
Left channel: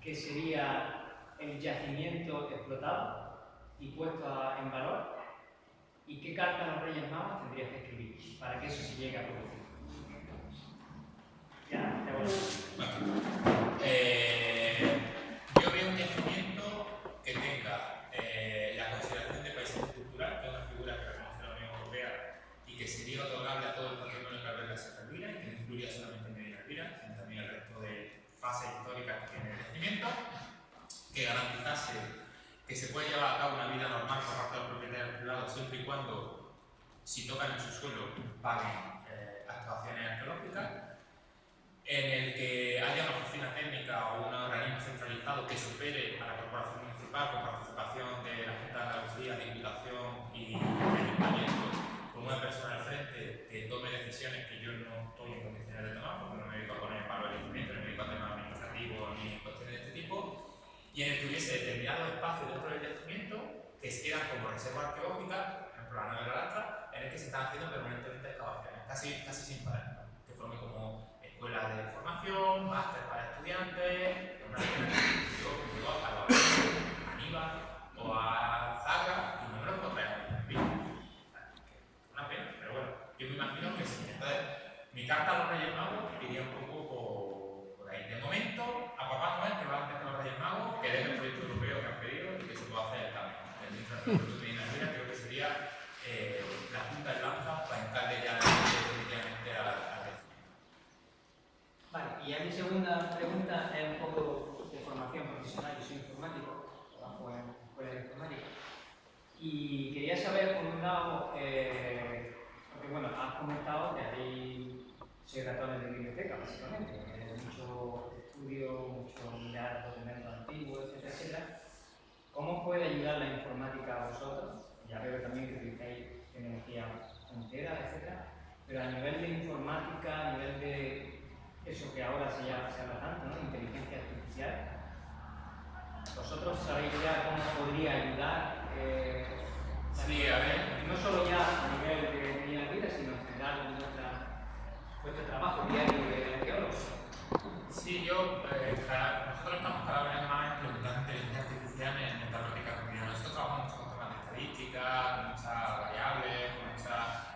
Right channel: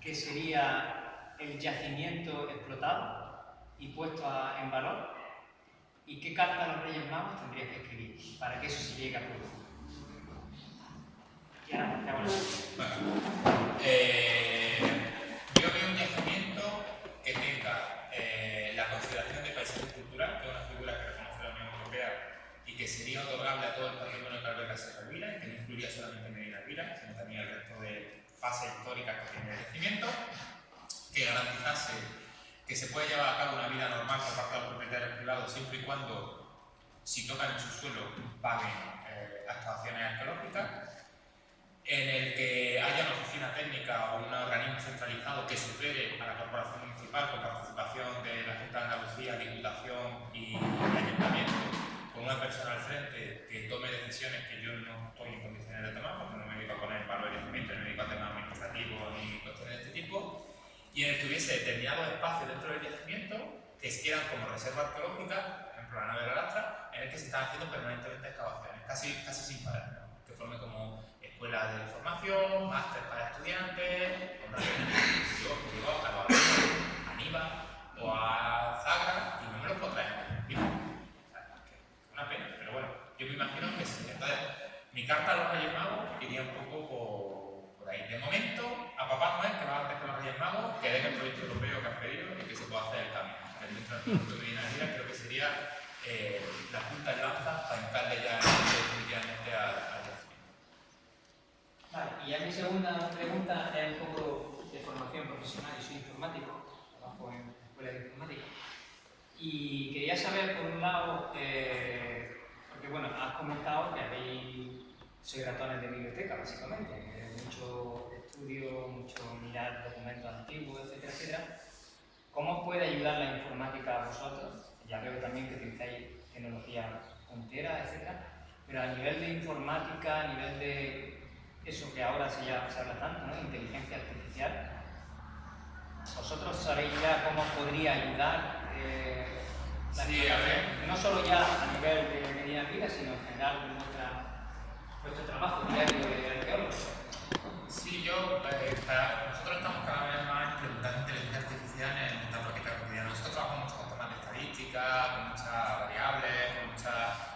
que sería el yacimiento explotado y puesto en valor? ¿Y qué carta a los Reyes Magos tendrías que escribir para que eso se llegue a producir? Y ahora, te hago la yo veo un yacimiento que tenga la consideración de paisaje cultural, que es una figura que reconoce la Unión Europea y que sería otorgable a todo el patrimonio que alberga Sierra Elvira, y que no incluiría solamente Medina Elvira, sino también el resto de fases históricas que tiene el yacimiento, que garantizase que se puede llevar a cabo una vida normal por parte de los propietarios privados siempre y cuando, si tocan en su suelo, paguen excavaciones arqueológicas, en el que haya una oficina técnica o un organismo centralizado que supere a la corporación municipal con participación de la Junta de Andalucía, Diputación y Ayuntamiento, con una persona al frente que tome decisiones que yo no estoy en condiciones de tomar, porque no me dedico a poner en valor el yacimiento, no me dedico a temas administrativos ni cuestiones de este tipo, y en el que hubiese determinados espacios dentro del yacimiento que eran como reserva arqueológica, por ejemplo la nave de la lastra, en el que se están haciendo permanentemente excavaciones, casi sin parar, ¿no? Que forme como escuelas de formación, másteres para estudiantes, yo llego a los a Aníbal o a Zagra y no me los puedo traer. Una pena, pero bueno, yo me imagino que sí. Entonces, mi carta a los Reyes Magos iría un poco por ahí. De momento, a Papá Noel, que va antes que los Reyes Magos, que den el proyecto europeo que han pedido y que se pueda hacer el cambio. El infraestructura de Medina Elvira creo que sería la punta de lanza para encarle ya definitivamente al yacimiento. Vale, y ya mi segunda pregunta es un poco de formación profesional. Yo soy informático, trabajo en escuela de informática. Y quería saber, por un lado, porque bueno, has comentado que sois ratones de biblioteca, básicamente. Mucho estudio, mucho mirar documentos antiguos, etcétera, etcétera. ¿Cómo os puede ayudar la informática a vosotros? Ya veo también que utilizáis tecnología puntera, etcétera. Pero a nivel de informática, a nivel de eso que ahora se habla tanto, ¿no? Inteligencia artificial. ¿Vosotros sabéis ya cómo podría ayudar Sí, a ver. no solo ya a nivel de Medina Elvira, sino en general en vuestro trabajo diario de arqueólogos? Sí, nosotros estamos cada vez más implementando inteligencia artificial en nuestra práctica cotidiana. Nosotros trabajamos mucho con temas de estadística, con muchas variables,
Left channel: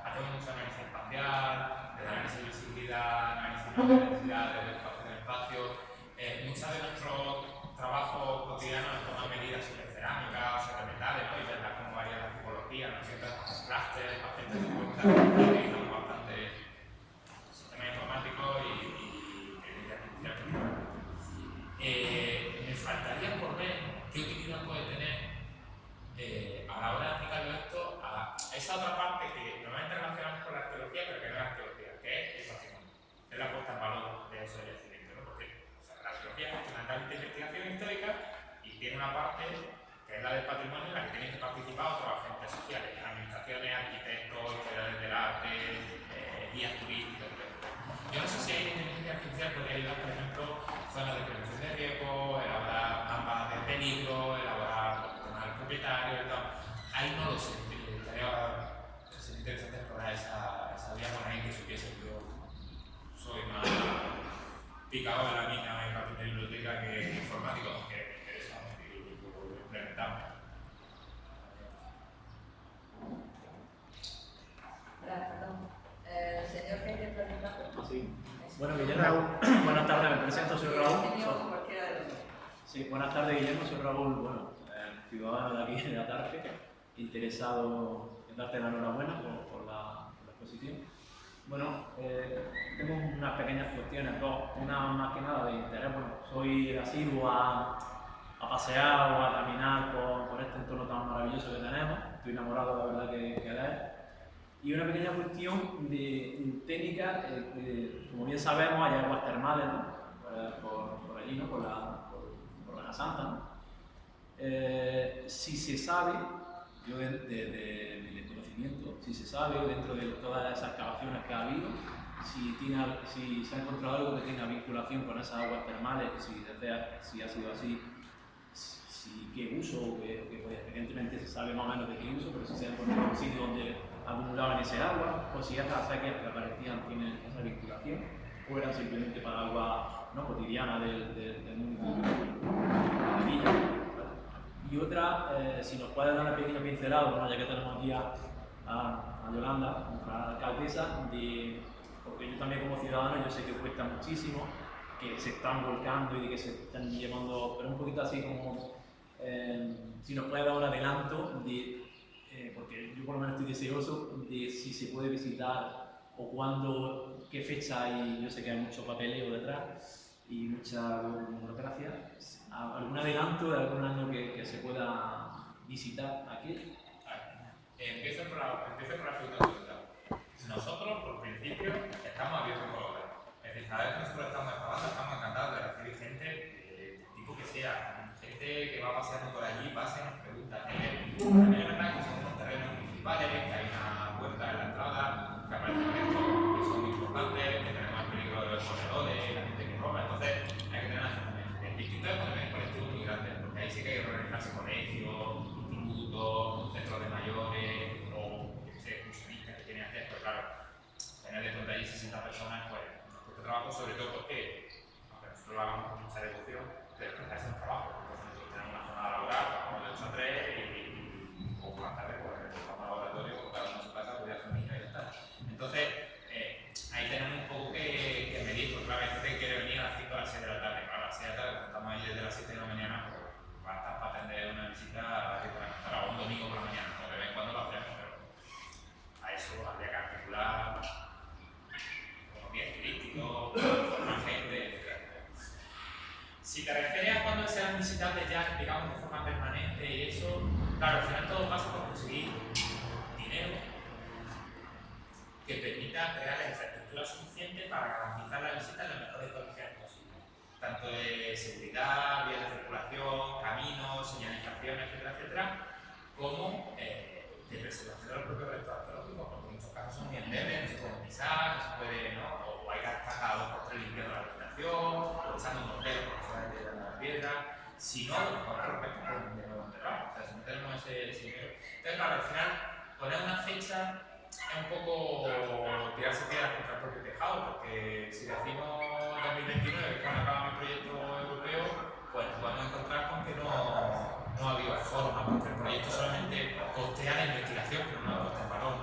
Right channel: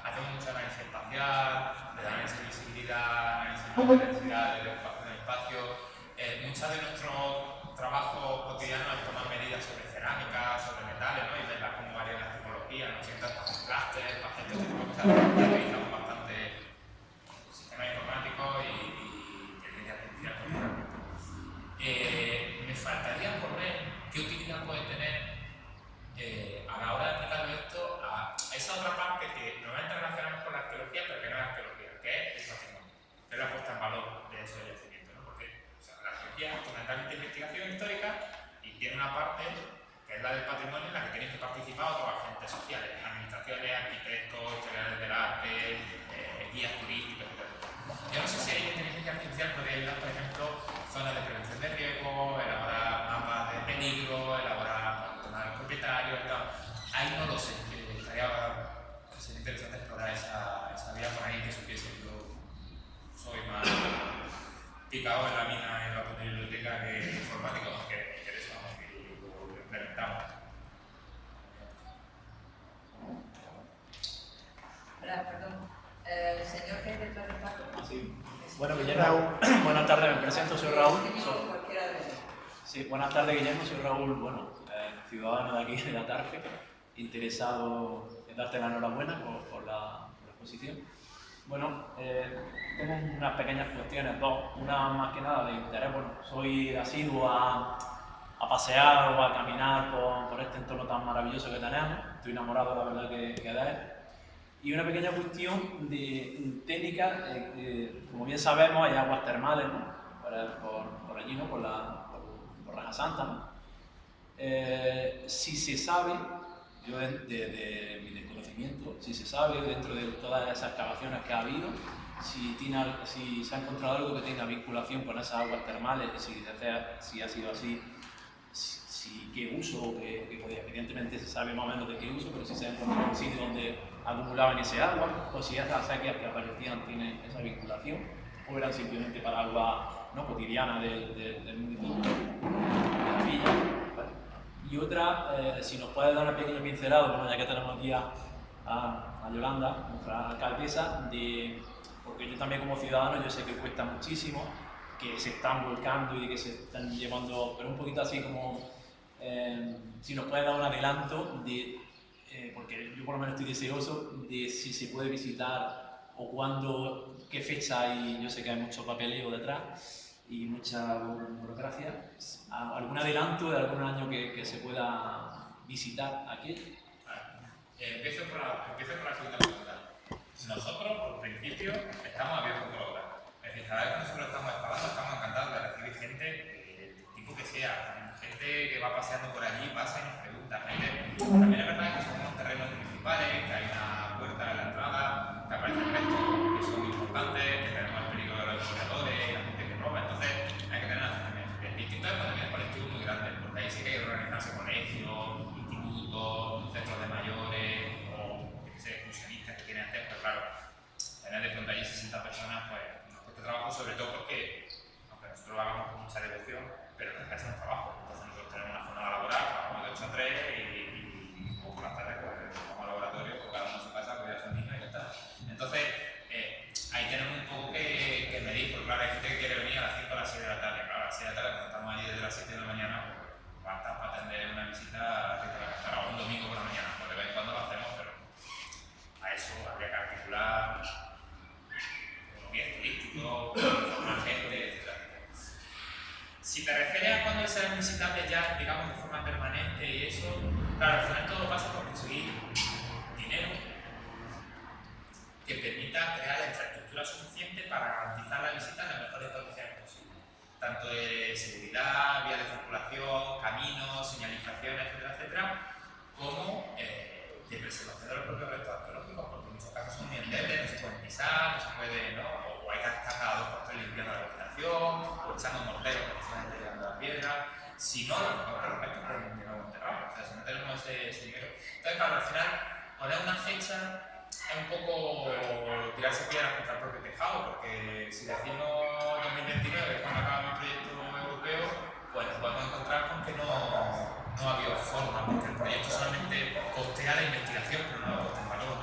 hacemos mucho análisis espacial, de análisis de visibilidad, análisis de intensidad, de espacio del espacio. Muchos de nuestros trabajos cotidianos es tomar medidas sobre cerámica, sobre metales, ¿no? Y verlas cómo varían las tipologías, no sé qué tal, para hacer clústeres, para hacer este tipo de cosas. Utilizamos bastante sistemas informáticos y inteligencia artificial. Me faltaría por ver qué utilidad puede tener es la del patrimonio, en la que tenéis que participar otros agentes sociales, administraciones, arquitectos, historiadores del arte, guías turísticos, etc. Yo no sé si hay inteligencia artificial podría ayudar, por ejemplo, zonas de prevención de riesgo, elaborar mapas de peligro, elaborar temas del propietario y tal. Ahí no lo sé, sería interesante explorar esa vía con alguien que supiese. Yo soy más picado en la mina en la biblioteca que informático, aunque me interesa y lo implementamos. Perdón. Señor que entra en el paso. Sí. Bueno, Guillermo, buenas tardes, me presento, soy Raúl. Cualquiera de los dos. Sí, buenas tardes, Guillermo, soy Raúl, bueno, ciudadano de aquí, de Atarfe, interesado en darte la enhorabuena por la exposición. Bueno, tengo unas pequeñas cuestiones, dos, una más que nada de interés. Bueno, soy asiduo a pasear o a caminar por este entorno tan maravilloso que tenemos, estoy enamorado, la verdad, que de él. Y una pequeña cuestión de técnica, como bien sabemos, hay aguas termales, ¿no? por allí, ¿no? por Raja Santa, ¿no? Si se sabe, yo de mi desconocimiento, si se sabe dentro de todas esas excavaciones que ha habido, si se ha encontrado algo que tenga vinculación con esas aguas termales, si ha sido así, qué uso, evidentemente se sabe más o menos de qué uso, pero si se ha encontrado un sitio donde acumulaban ese agua, o si esas acequias que aparecían tienen esa vinculación, o eran simplemente para agua no cotidiana del municipio, de la villa. ¿Vale? Y otra, si nos puede dar una pequeña pincelada, bueno, ya que tenemos aquí a Yolanda, nuestra alcaldesa, porque yo también como ciudadano yo sé que cuesta muchísimo, que se están volcando y que se están llevando, pero un poquito así como, si nos puede dar un adelanto de, porque yo por lo menos estoy deseoso de si se puede visitar o cuándo, qué fecha hay. Yo sé que hay mucho papeleo detrás y mucha burocracia. ¿Algún adelanto de algún año que se pueda visitar aquí? Empiezo por la segunda pregunta. Nosotros, por principio, estamos abiertos por obra. Es decir, cada vez que nosotros estamos excavando, estamos encantados de recibir gente, tipo que sea, gente que va paseando por allí, pasa y nos pregunta. También es verdad que son unos terrenos municipales, que hay una puerta en la entrada, que aparecen restos que son importantes, que tenemos el peligro de los corredores, la gente que roba. Entonces, hay que tener acercamiento. El distinto es cuando viene colectivos muy grandes, porque ahí sí que hay que organizarse colegios, institutos, centros de mayores, o yo qué sé, excursionistas que quieren hacer, pero claro, tener de pronto allí 60 personas, pues nos cuesta trabajo, sobre todo porque, aunque nosotros lo hagamos con mucha devoción, pero no es un trabajo. Entonces nosotros tenemos una jornada laboral, trabajamos de 8 a 3 y por las tardes pues vamos al laboratorio, pues cada uno a su casa, pues ya a sus niños y ya está. Entonces, ahí tenemos un poco que medir, porque claro, hay gente que quiere venir a las 5 o a las 6 de la tarde. Claro, a las 6 de la tarde, cuando estamos allí desde las 7 de la mañana, pues va a estar para atender una visita que por la cantar o un domingo por la mañana, pues de vez en cuando lo hacemos, pero a eso habría que articular unos guías turísticos, formar gente, etc. Si te refieres a cuando sean visitables ya, digamos, de forma permanente y eso, claro, al final todo pasa por conseguir dinero que permita crear la infraestructura suficiente para garantizar la visita en las mejores condiciones posibles. Tanto de seguridad, vías de circulación, caminos, señalización, etcétera, etcétera, como de preservación de los propios restos arqueológicos, porque en muchos casos son muy endebles, no se pueden pisar, no se puede, ¿no? O hay que estar cada 2 por 3 limpiando la vegetación, o echando mortero por la zona de la piedra. Si no, lo mejor que los restos pues de nuevo enterrados. O sea, si no tenemos ese dinero. Entonces, claro, al final, poner una fecha es un poco tirarse piedras contra el propio tejado, porque si decimos 2029, que es cuando acaba mi proyecto europeo, pues nos podemos encontrar con que no ha habido forma, porque el proyecto solamente costea la investigación, pero no la puesta en valor.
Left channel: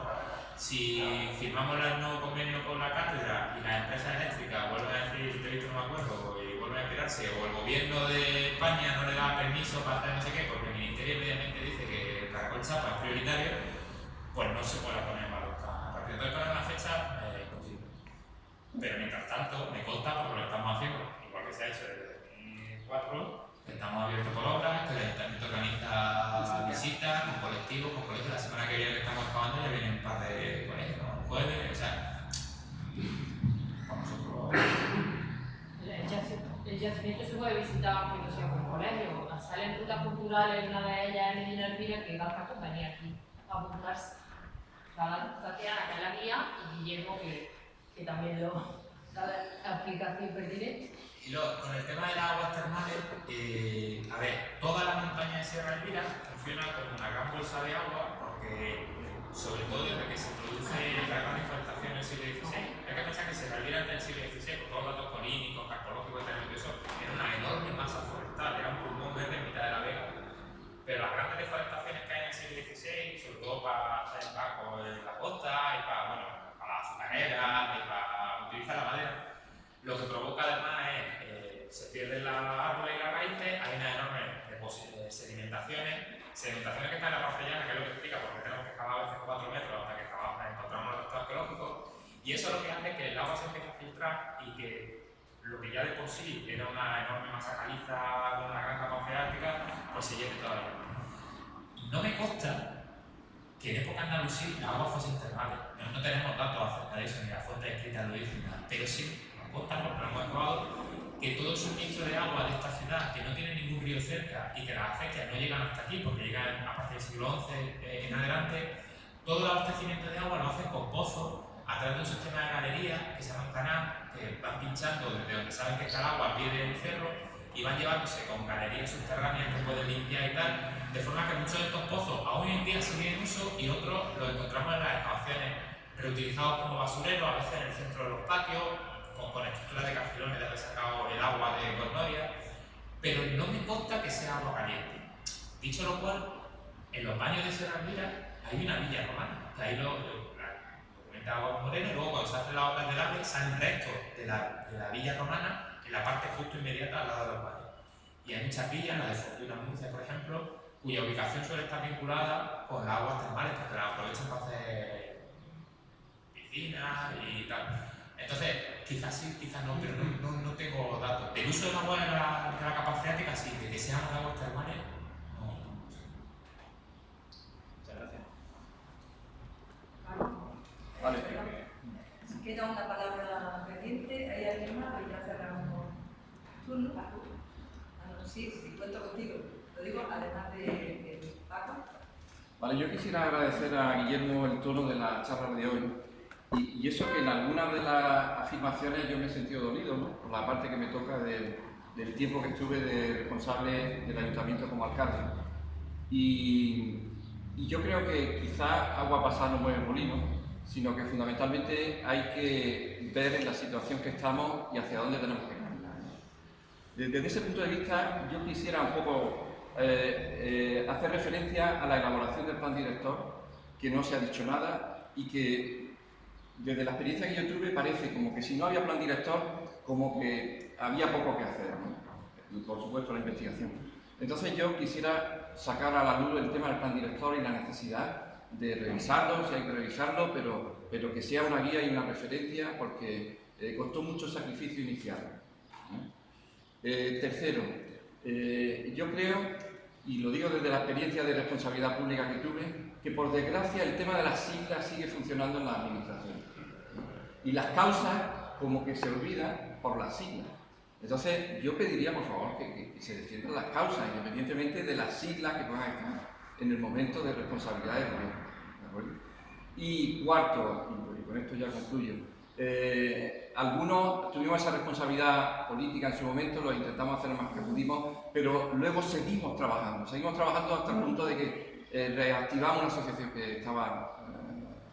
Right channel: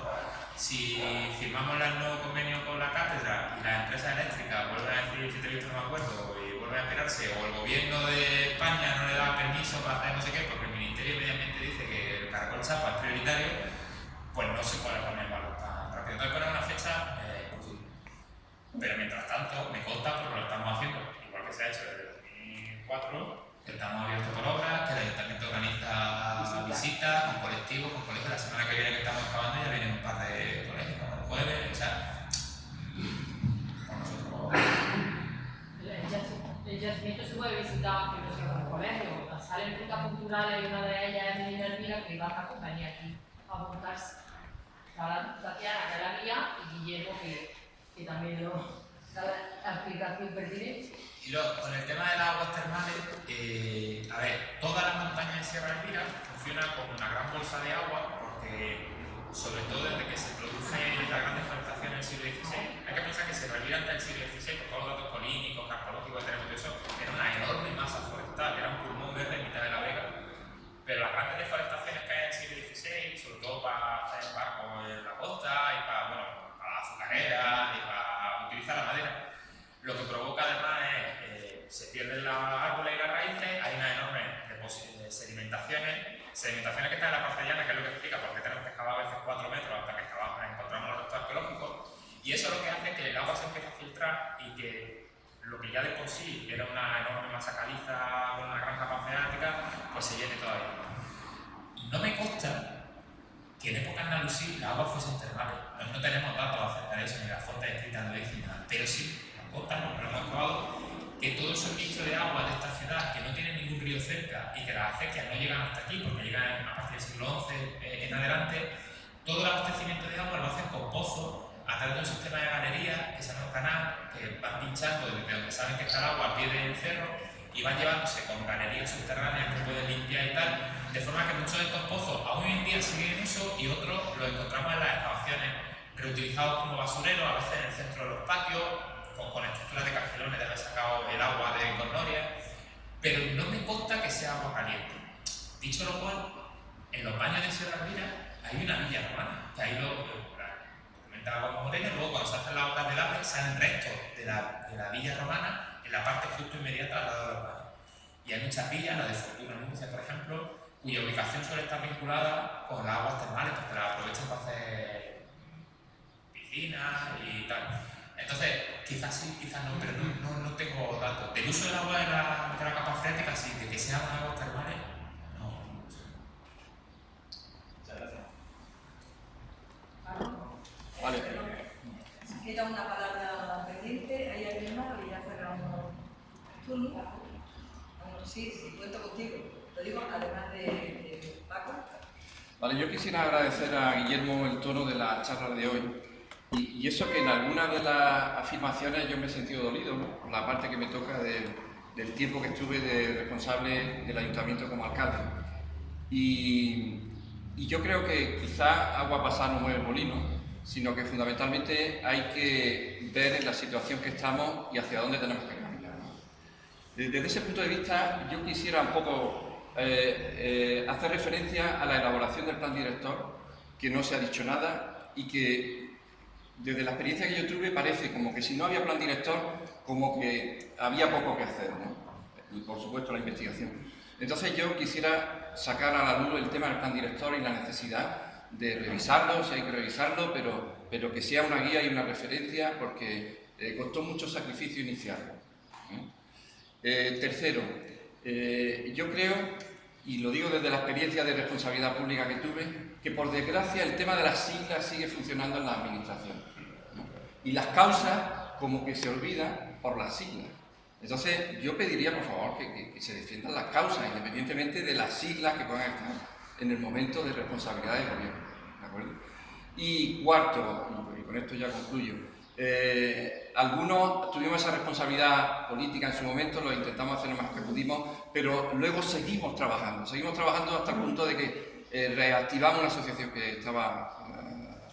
Si firmamos el nuevo convenio con la cátedra y las empresas eléctricas vuelven a decir, si te he visto no me acuerdo, y vuelven a esperarse, o el gobierno de España no le da permiso para hacer no sé qué, porque el Ministerio de Medio Ambiente dice que el caracol chapa es prioritario, pues no se puede poner en valor tan rápido. Entonces poner una fecha es imposible. Pero mientras tanto, me consta, porque lo estamos haciendo, igual que se ha hecho desde 2004, que estamos abiertos por obras, que el Ayuntamiento organiza visitas con colectivos, con colegios. La semana que viene que estamos acabando ya vienen un par de colegios, como el jueves, o sea, con nosotros. El yacimiento se puede visitar, que no sea por colegio, o sea, salen rutas culturales y una de ellas es Medina Elvira, que va a venir aquí a apuntarse. Tatiana, que es la guía, y Guillermo, que también lo da la explicación pertinente. Y luego, con el tema de las aguas termales, a ver, toda la montaña de Sierra Elvira funciona como una gran bolsa de agua, porque sobre todo desde que se produce la gran deforestación en el siglo XVI, hay que pensar que Sierra Elvira antes del siglo XVI, con todos los datos polínicos, carpológicos, etcétera, eso, era una enorme masa forestal, era un pulmón verde en mitad de la vega. Pero las grandes deforestaciones que hay en el siglo XVI, sobre todo para hacer barcos en la costa y para, bueno, para las azucareras y para utilizar la madera, lo que provoca además es se pierden los árboles y las raíces, hay unas enormes sedimentaciones que están en la parte llana, que es lo que explica por qué tenemos que excavar a veces 4 metros hasta que encontramos los restos arqueológicos, y eso lo que hace es que el agua se empiece a filtrar y que lo que ya de por sí era una enorme masa caliza con una gran capa freática, pues se llene todavía. No me consta que en época andalusí las aguas fuesen termales. No tenemos datos acerca de eso, ni las fuentes escritas lo dicen nada, pero sí nos consta, porque lo hemos excavado, que todo el suministro de agua de esta ciudad, que no tiene ningún río cerca y que las acequias no llegan hasta aquí, porque llegan a partir del siglo XI en adelante, todo el abastecimiento de agua lo hacen con pozos a través de un sistema de galerías que se llama un canal, que van pinchando desde donde saben que está el agua al pie del cerro y van llevándose con galerías subterráneas que pueden limpiar y tal, de forma que muchos de estos pozos aún hoy en día siguen en uso y otros los encontramos en las excavaciones reutilizados como basureros, a veces en el centro de los patios, con estructuras de carcelones de haber sacado el agua de Cornoria, pero no me consta que sea agua caliente. Dicho lo cual, en los baños de Sierra Elvira hay una villa romana, que ahí lo documenta Agua Moreno, y luego cuando se hacen las obras del AVE salen restos de la villa romana en la parte justo inmediata al lado de los baños. Y hay muchas villas, la de Fortuna Murcia, por ejemplo, cuya ubicación suele estar vinculada con las aguas termales, porque las aprovechan para hacer piscinas y tal. Entonces, quizás sí, quizás no, pero no tengo datos. Del uso del agua de la capa freática, sí, de que sean aguas termales, no. Muchas gracias. Vale. Si queda una palabra pendiente, ¿hay alguien más? Y ya cerramos turno. Bueno, sí, cuento contigo. Lo digo además de Paco. Vale, yo quisiera agradecer a Guillermo el tono de la charla de hoy. Y eso que en algunas de las afirmaciones yo me he sentido dolido, ¿no? Por la parte que me toca del tiempo que estuve de responsable del ayuntamiento como alcalde. Y yo creo que quizá agua pasada no mueve molino, sino que fundamentalmente hay que ver en la situación que estamos y hacia dónde tenemos que caminar, ¿no? Desde ese punto de vista, yo quisiera un poco hacer referencia a la elaboración del plan director, que no se ha dicho nada y que desde la experiencia que yo tuve parece como que si no había plan director, como que había poco que hacer, ¿no? Y por supuesto la investigación. Entonces yo quisiera sacar a la luz el tema del plan director y la necesidad de revisarlo, si hay que revisarlo, pero que sea una guía y una referencia, porque costó mucho sacrificio inicial, ¿eh? Tercero, yo creo, y lo digo desde la experiencia de responsabilidad pública que tuve, que por desgracia el tema de las siglas sigue funcionando en la administración, ¿no? Y las causas como que se olvidan por las siglas. Entonces yo pediría por favor que se defiendan las causas independientemente de las siglas que puedan estar en el momento de responsabilidad del gobierno, ¿de acuerdo? Y cuarto, y con esto ya concluyo, algunos tuvimos esa responsabilidad política en su momento, lo intentamos hacer lo más que pudimos, pero luego seguimos trabajando hasta el punto de que reactivamos una asociación que estaba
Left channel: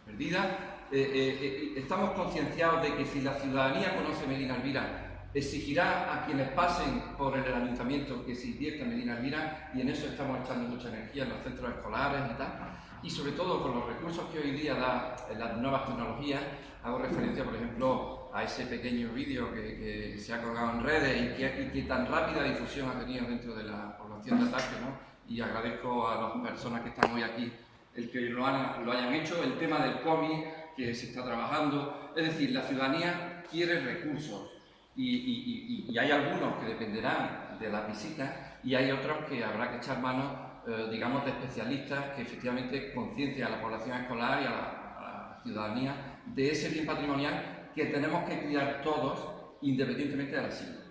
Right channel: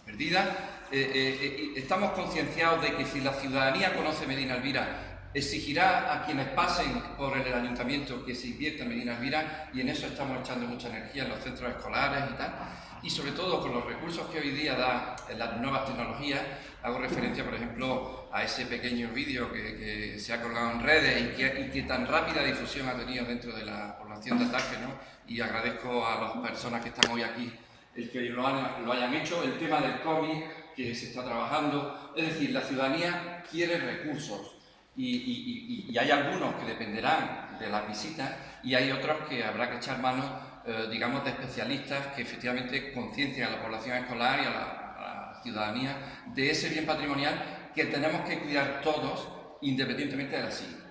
perdida. Estamos concienciados de que si la ciudadanía conoce Medina Elvira, exigirá a quienes pasen por el ayuntamiento que se invierta en Medina Elvira, y en eso estamos echando mucha energía en los centros escolares y tal, y sobre todo con los recursos que hoy día da las nuevas tecnologías. Hago referencia, por ejemplo, a ese pequeño vídeo que se ha colgado en redes y que tan rápida difusión ha tenido dentro de la población de Atarfe, ¿no? Y agradezco a las personas que están hoy aquí el que lo hayan hecho. El tema del cómic que se está trabajando, es decir, la ciudadanía quiere recursos y hay algunos que dependerán de las visitas y hay otros que habrá que echar mano, digamos, de especialistas que efectivamente conciencien a la población escolar y a la ciudadanía de ese bien patrimonial que tenemos que cuidar todos, independientemente de la sigla.